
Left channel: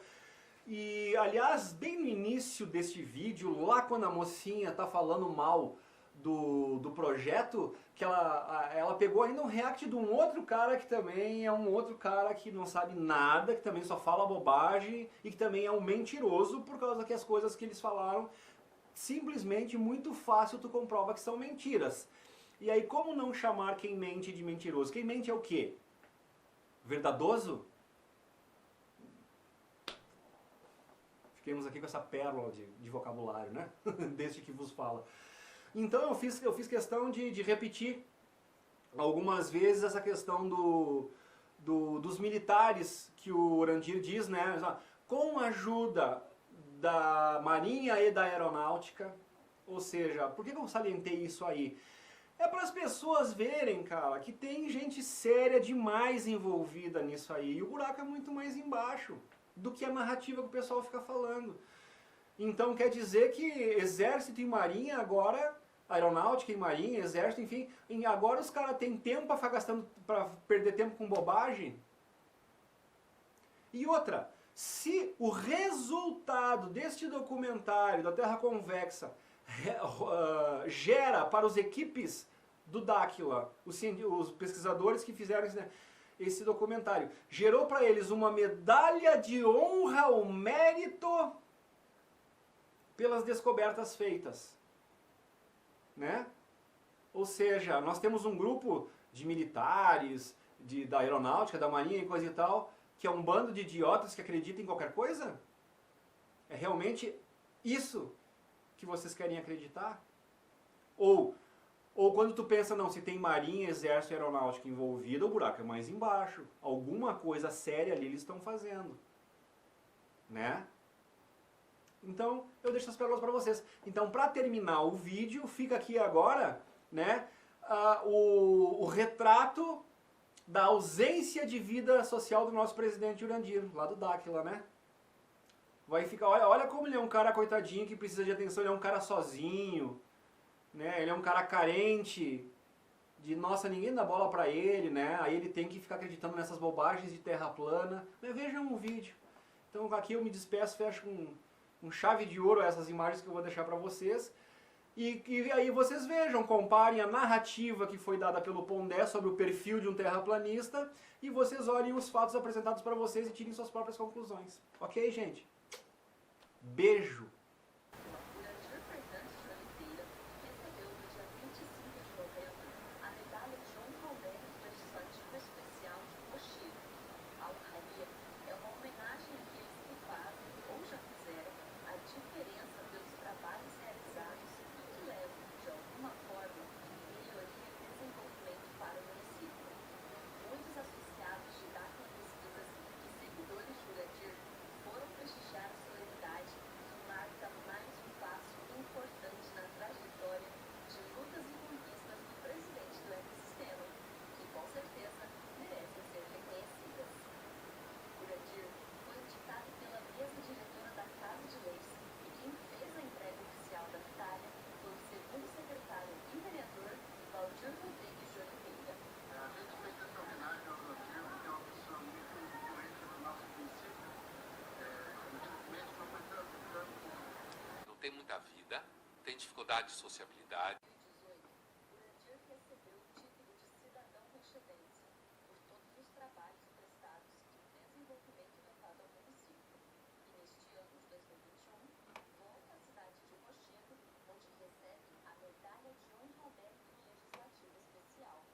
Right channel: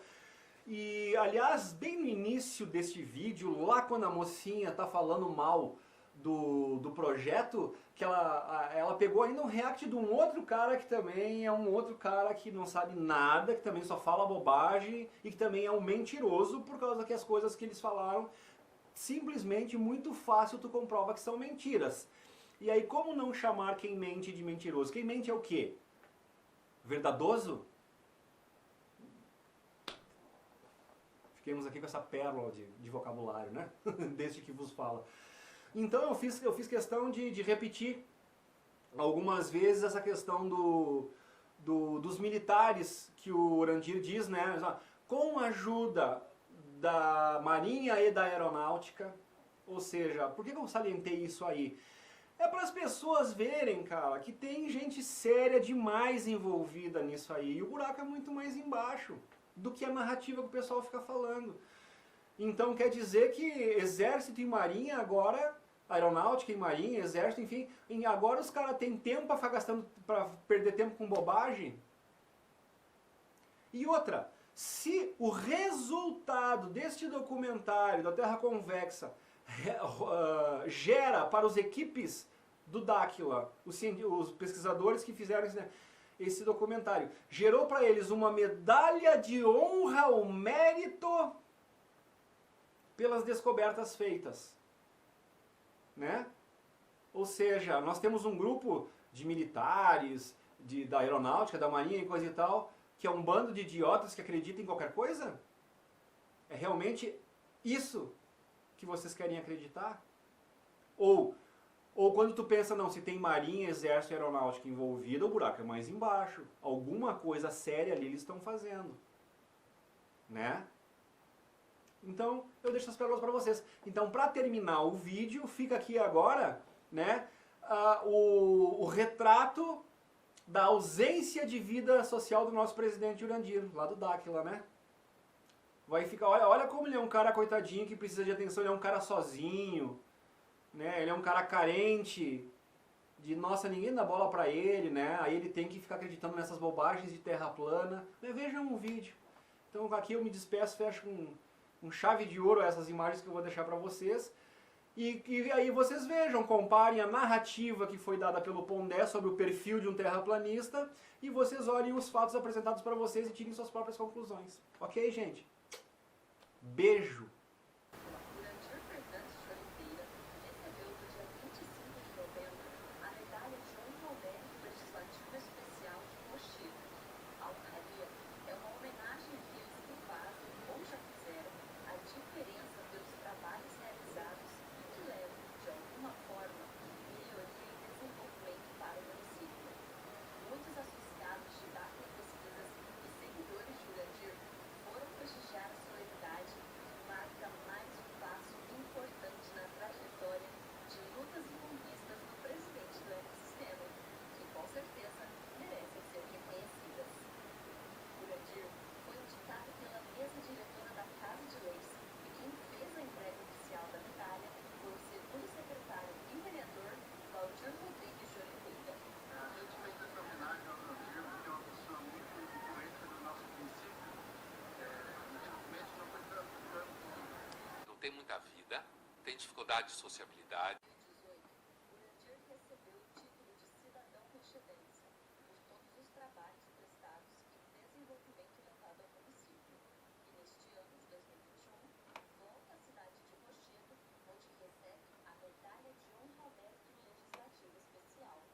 E, aliás, bem no início deste vídeo, lá quando a mocinha tá falando mal do projeto, que ela pegou ainda um react de um outro cara que também é um outro cara que não sabe nada, que também só fala bobagem e que também é um mentiroso, por causa que as coisas que eles falaram, simplesmente muito fácil tu comprova que são mentiras. E aí, como não chamar quem mente de mentiroso? Quem mente é o quê? Verdadoso? Fiquemos aqui com essa pérola de vocabulário, né? Deste que vos fala. Então eu fiz questão de repetir algumas vezes essa questão dos militares que o Urandir diz, né? Com a ajuda da Marinha e da Aeronáutica, ou seja, por que eu salientei isso aí? É para as pessoas verem, cara, que tem gente séria demais envolvida nisso aí, e o buraco é muito mais embaixo do que a narrativa que o pessoal fica falando. Então quer dizer que Exército e Marinha agora, Aeronáutica e Marinha, Exército, enfim, agora os caras têm tempo para ficar gastando, para perder tempo com bobagem? E outra, se o resultado deste documentário da Terra Convexa gera para as equipes do Dáquila, os pesquisadores que fizeram esse documentário, gerou para eles uma medalha de honra ao mérito pelas descobertas feitas, né? Ou seja, nós temos um grupo de militares, da aeronáutica, da marinha e coisa e tal, que é um bando de idiotas que acreditam em qualquer coisa? É realmente isso que vocês querem acreditar? Ou quando tu pensa, não, se tem marinha, exército e aeronáutica envolvida, o buraco é mais embaixo. Alguma coisa séria ali eles estão fazendo. Né? Então, eu deixo as pérolas para vocês. Então, para terminar o vídeo, fica aqui agora, né, o retrato da ausência de vida social do nosso presidente Urandir, lá do Dáquila, né? Vai ficar, olha como ele é um cara coitadinho que precisa de atenção, ele é um cara sozinho, né? Ele é um cara carente, nossa, ninguém dá bola pra ele, né? Aí ele tem que ficar acreditando nessas bobagens de terra plana. Vejam o vídeo. Então aqui eu me despeço, fecho com chave de ouro essas imagens que eu vou deixar pra vocês. E aí vocês vejam, comparem a narrativa que foi dada pelo Pondé sobre o perfil de um terraplanista e vocês olhem os fatos apresentados para vocês e tirem suas próprias conclusões. Ok, gente? Beijo! Urandir Fernandes de Oliveira recebeu no dia 25 de novembro a medalha de honra ao mérito legislativo especial de Rochedo. A honraria é uma homenagem àqueles que fazem ou já fizeram a diferença pelos trabalhos realizados que levam, de alguma forma, melhoria e desenvolvimento para o município. Muitos associados de Dáquila Pesquisas e seguidores de Urandir foram prestigiar a solenidade que marca mais um passo importante na trajetória de lutas e conquistas do presidente do ecossistema, que com certeza merecem ser reconhecidas. Urandir foi indicado pela mesa diretora da Casa de Leis e quem fez a entrega oficial da medalha foi o segundo secretário e vereador Valdir Rodrigues de Oliveira. A gente fez essa homenagem ao Urandir porque é uma pessoa muito influente no nosso município. Infelizmente não foi tanto. Não tem muita vida, tem dificuldade de sociabilidade. Em 2018, Urandir recebeu o título de cidadão rochedense por todos os trabalhos prestados e desenvolvimento levado ao município. E neste ano de 2021, volta à cidade de Rochedo, onde recebe a medalha de honra ao mérito legislativo especial.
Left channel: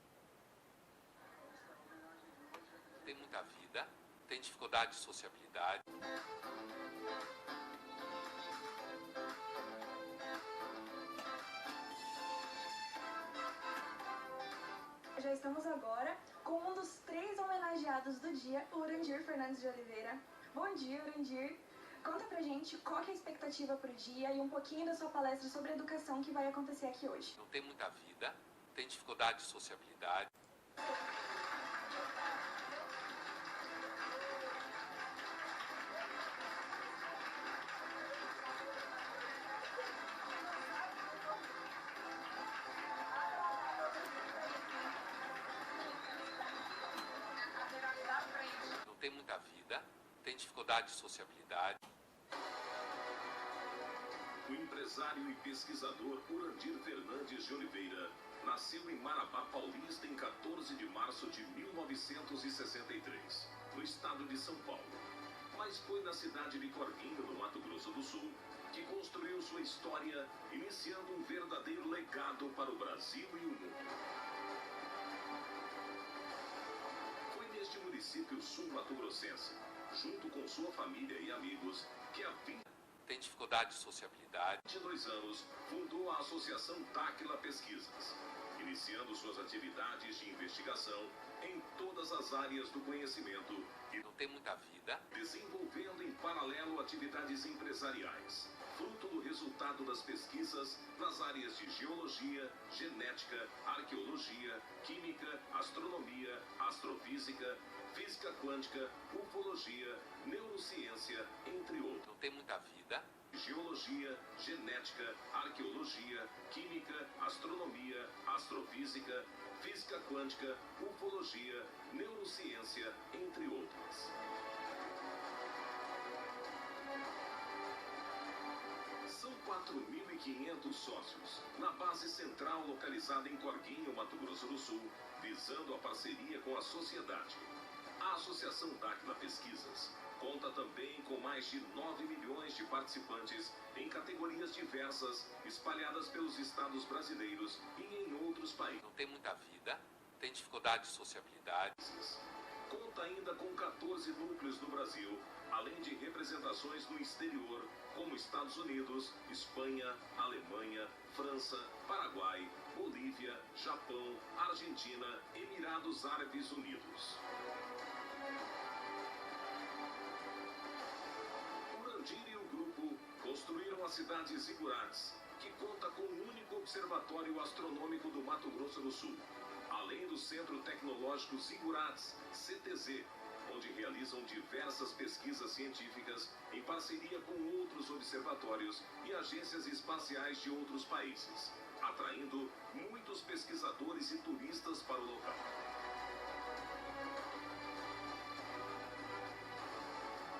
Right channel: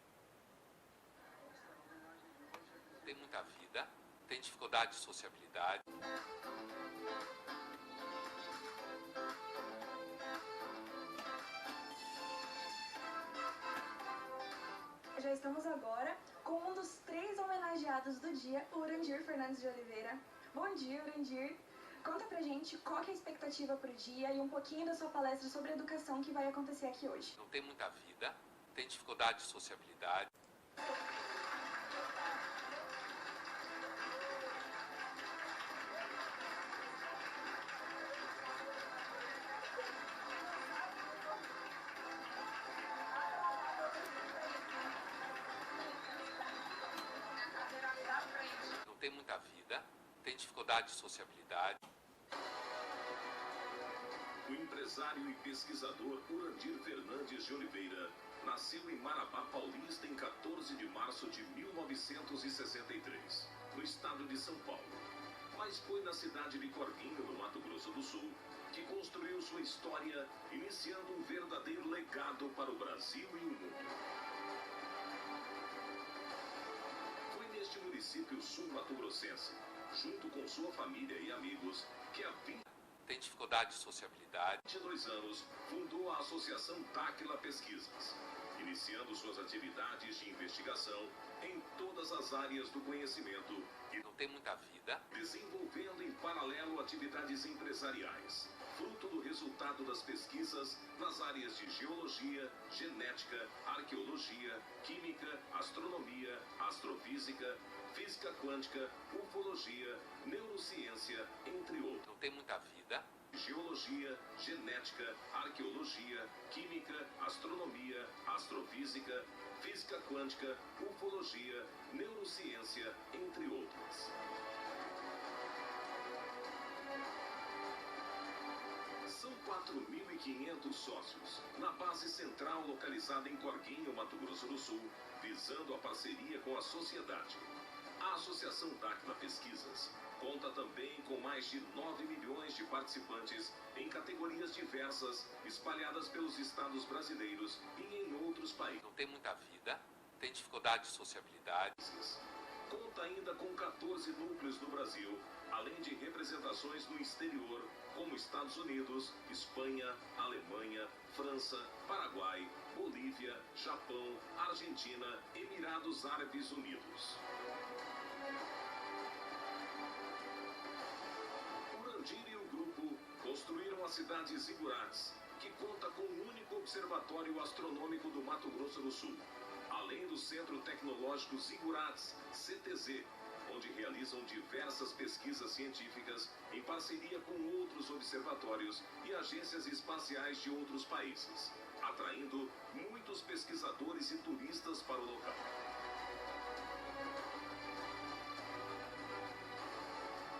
Não tem muita vida, tem dificuldade de sociabilidade. Já estamos agora com um dos 3 homenageados do dia, o Urandir Fernandes de Oliveira. Bom dia, Urandir. Conta pra gente qual que é a expectativa pro dia e um pouquinho da sua palestra sobre educação que vai acontecer aqui hoje. Não tem muita vida, tem dificuldade de sociabilidade. tem muita vida, tem dificuldade de sociabilidade. O empresário e pesquisador Urandir Fernandes de Oliveira nasceu em Marabá Paulista em 14 de março de 1963, no estado de São Paulo. Mas foi na cidade de Corguinho, no Mato Grosso do Sul, que construiu sua história, iniciando um verdadeiro legado para o Brasil e o mundo. Foi neste município sul-mato-grossense, junto com sua família e amigos, que há 20 Tem dificuldade de sociabilidade. 22 anos, fundou a Associação Táquila Pesquisas, iniciando suas atividades de investigação em todas as áreas do conhecimento e não tem muita vida, desenvolvendo em paralelo atividades empresariais, fruto do resultado das pesquisas nas áreas de geologia, genética, arqueologia, química, astronomia, astrofísica, física quântica, ufologia, neurociência, entre outros. Não tem muita vida. Geologia, genética, arqueologia, química, astronomia, astrofísica, física quântica, ufologia, neurociência, entre outras. São 4.500 sócios, na base central localizada em Corguinho, Mato Grosso do Sul, visando a parceria com a sociedade. A Associação Táquila Pesquisas conta também com mais de 9 milhões de participantes em categorias diversas, espalhadas pelos estados brasileiros e em outros países. Não tem muita vida, tem dificuldade de sociabilidade. Conta ainda com 14 núcleos no Brasil, além de representações no exterior, como Estados Unidos, Espanha, Alemanha, França, Paraguai, Bolívia, Japão, Argentina, Emirados Árabes Unidos. Urandir e o grupo construíram a cidade Zigurates, que conta com o único observatório astronômico do Mato Grosso do Sul, além do Centro Tecnológico Zigurates, CTZ, onde realizam diversas pesquisas científicas em parceria com outros observatórios e agências espaciais de outros países, atraindo muitos pesquisadores e turistas para o local.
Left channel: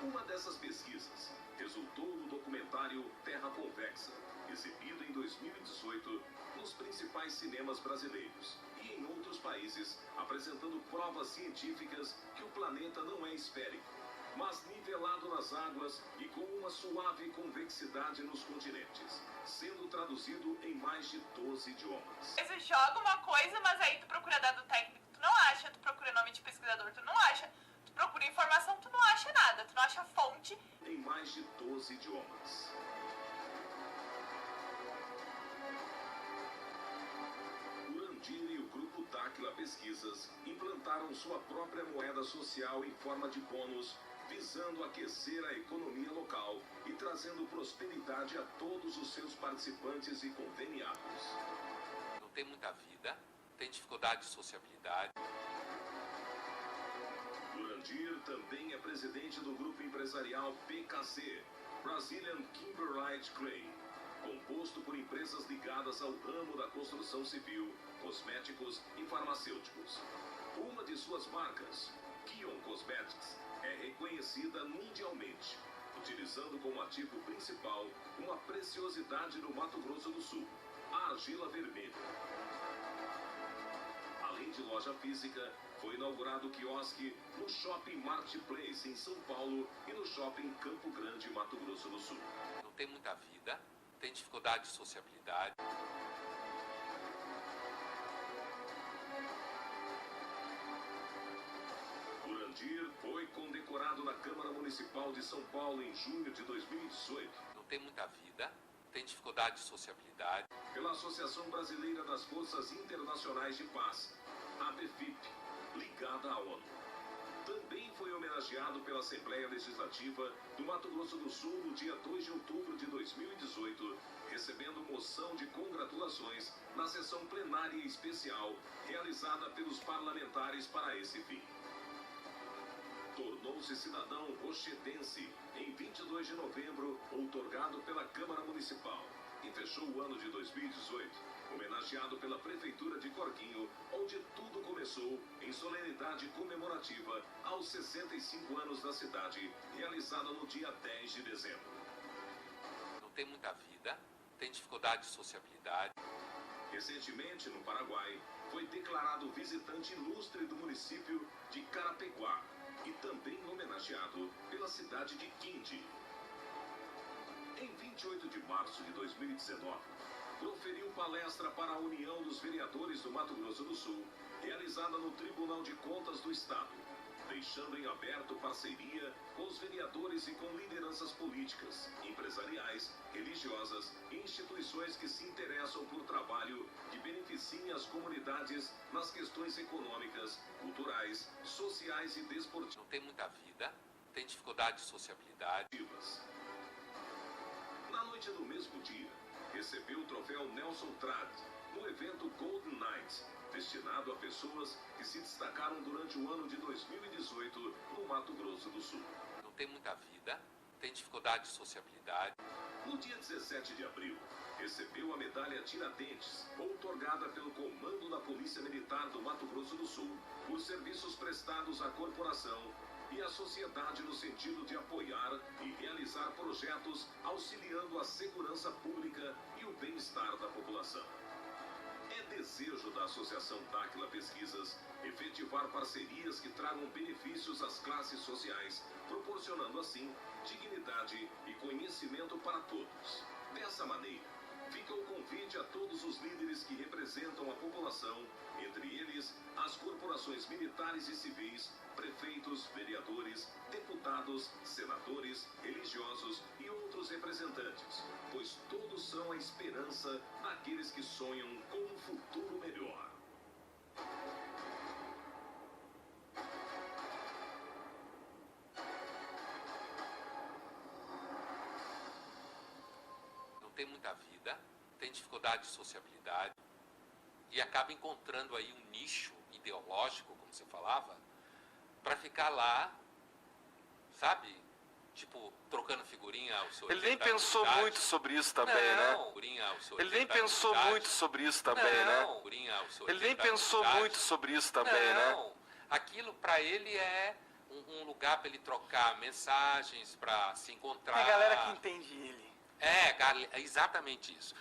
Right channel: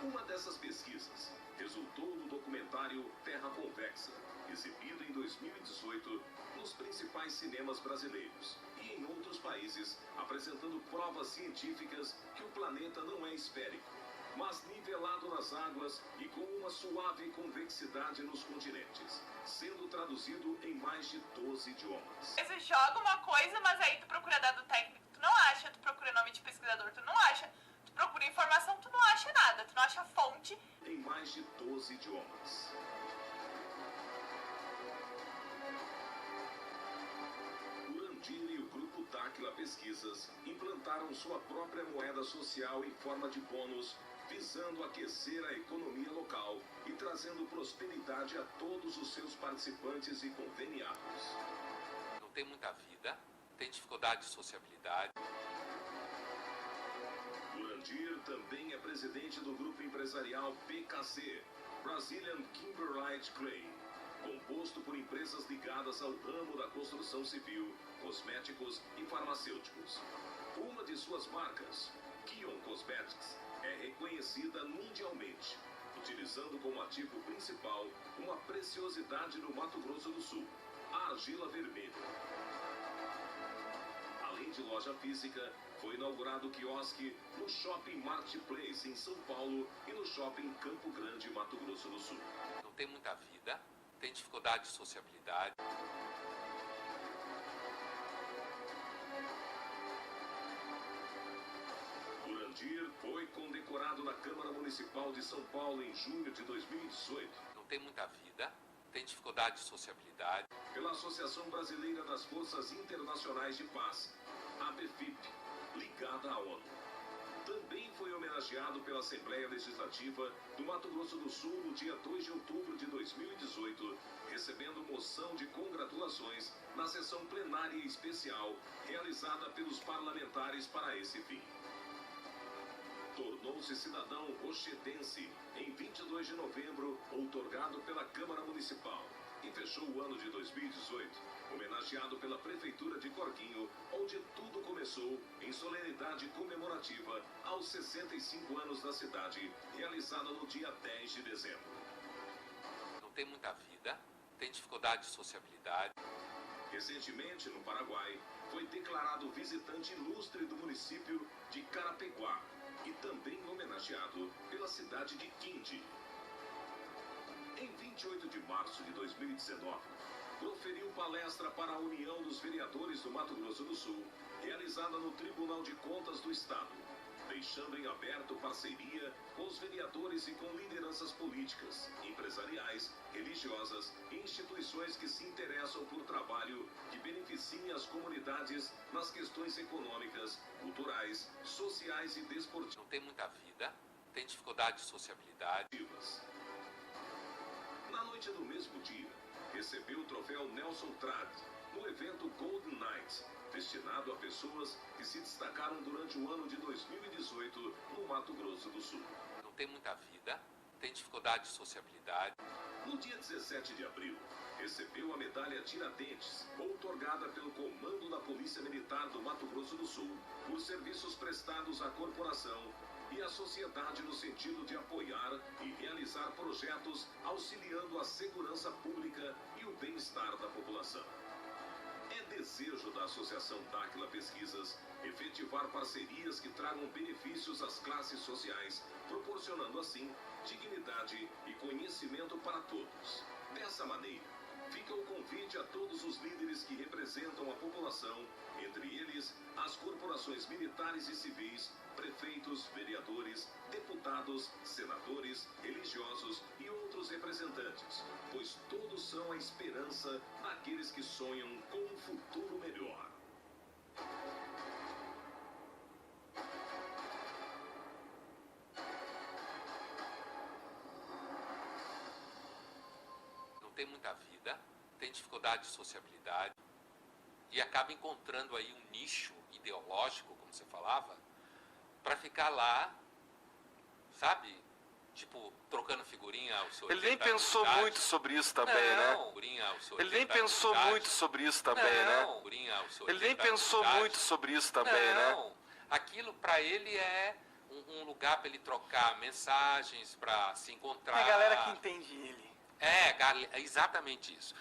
Uma dessas pesquisas resultou no documentário Terra Convexa, exibido em 2018 nos principais cinemas brasileiros e em outros países, apresentando provas científicas que o planeta não é esférico, mas nivelado nas águas e com uma suave convexidade nos continentes, sendo traduzido em mais de 12 idiomas. Você joga uma coisa, mas aí tu procura dado técnico, tu não acha, tu procura nome de pesquisador, tu não acha, tu procura informação, tu não acha nada, tu não acha fonte. Em mais de 12 idiomas. Urandir e o Grupo Táquila Pesquisas implantaram sua própria moeda social em forma de bônus, visando aquecer a economia local e trazendo prosperidade a todos os seus participantes e conveniados. Não tem muita vida, tem dificuldade de sociabilidade. Urandir também é presidente do grupo empresarial PKC, Brazilian Kimberlite Clay, composto por empresas ligadas ao ramo da construção civil, cosméticos e farmacêuticos. Uma de suas marcas, Kion Cosmetics, é reconhecida mundialmente, utilizando como ativo principal uma preciosidade no Mato Grosso do Sul, a argila vermelha. Além de loja física, foi inaugurado o quiosque no Shopping Marketplace em São Paulo e no Shopping Campo Grande, Mato Grosso do Sul. Não tem muita vida, tem dificuldade de sociabilidade. Urandir foi condecorado na Câmara Municipal de São Paulo em junho de 2018. Não tem muita vida, tem dificuldade de sociabilidade. Pela Associação Brasileira das Forças Internacionais de Paz, ABFIP, ligada à ONU. Também foi homenageado pela Assembleia Legislativa do Mato Grosso do Sul no dia 2 de outubro de 2018, recebendo moção de congratulações na sessão plenária especial realizada pelos parlamentares para esse fim. Tornou-se cidadão rochedense em 22 de novembro, outorgado pela Câmara Municipal, e fechou o ano de 2018 homenageado pela Prefeitura de Corguinho, onde tudo começou em em solenidade comemorativa aos 65 anos da cidade, realizada no dia 10 de dezembro. Não tem muita vida, tem dificuldade de sociabilidade. Recentemente, no Paraguai, foi declarado visitante ilustre do município de Carapeguá e também homenageado pela cidade de Quindi. Em 28 de março de 2019, proferiu palestra para a União dos Vereadores do Mato Grosso do Sul, realizada no Tribunal de Contas do Estado, deixando em aberto parceria com os vereadores e com lideranças políticas, empresariais, religiosas e instituições que se interessam por trabalho que beneficiem as comunidades nas questões econômicas, culturais, sociais e desportivas. Não tem muita vida, tem dificuldade de sociabilidade. Na noite do mesmo dia, recebeu o troféu Nelson Trad no evento Golden Night, destinado a pessoas que se destacaram durante o ano de 2018 no Mato Grosso do Sul. Não tem muita vida, tem dificuldade de sociabilidade. No dia 17 de abril, recebeu a medalha Tiradentes, outorgada pelo Comando da Polícia Militar do Mato Grosso do Sul, por serviços prestados à corporação e à sociedade no sentido de apoiar e realizar projetos auxiliando a segurança pública e o bem-estar da população. É desejo da Associação Dáquila Pesquisas efetivar parcerias que tragam benefícios às classes sociais, proporcionando assim dignidade e conhecimento para todos. Dessa maneira, fica o convite a todos os líderes que representam a população, entre eles as corporações militares e civis, prefeitos, vereadores, deputados, senadores, religiosos e outros representantes, pois todos são a esperança daqueles que sonham com um futuro melhor. Não tem muita vida, tem dificuldade de sociabilidade e acaba encontrando aí um nicho ideológico, como você falava, para ficar lá, sabe? Tipo, trocando figurinha ao seu. Ele nem pensou muito sobre isso também, né? Ele nem pensou muito sobre isso também, né? Ele nem pensou muito sobre isso também, né? Aquilo para ele é um lugar para ele trocar mensagens, para se encontrar. É a galera que entende ele. É exatamente isso.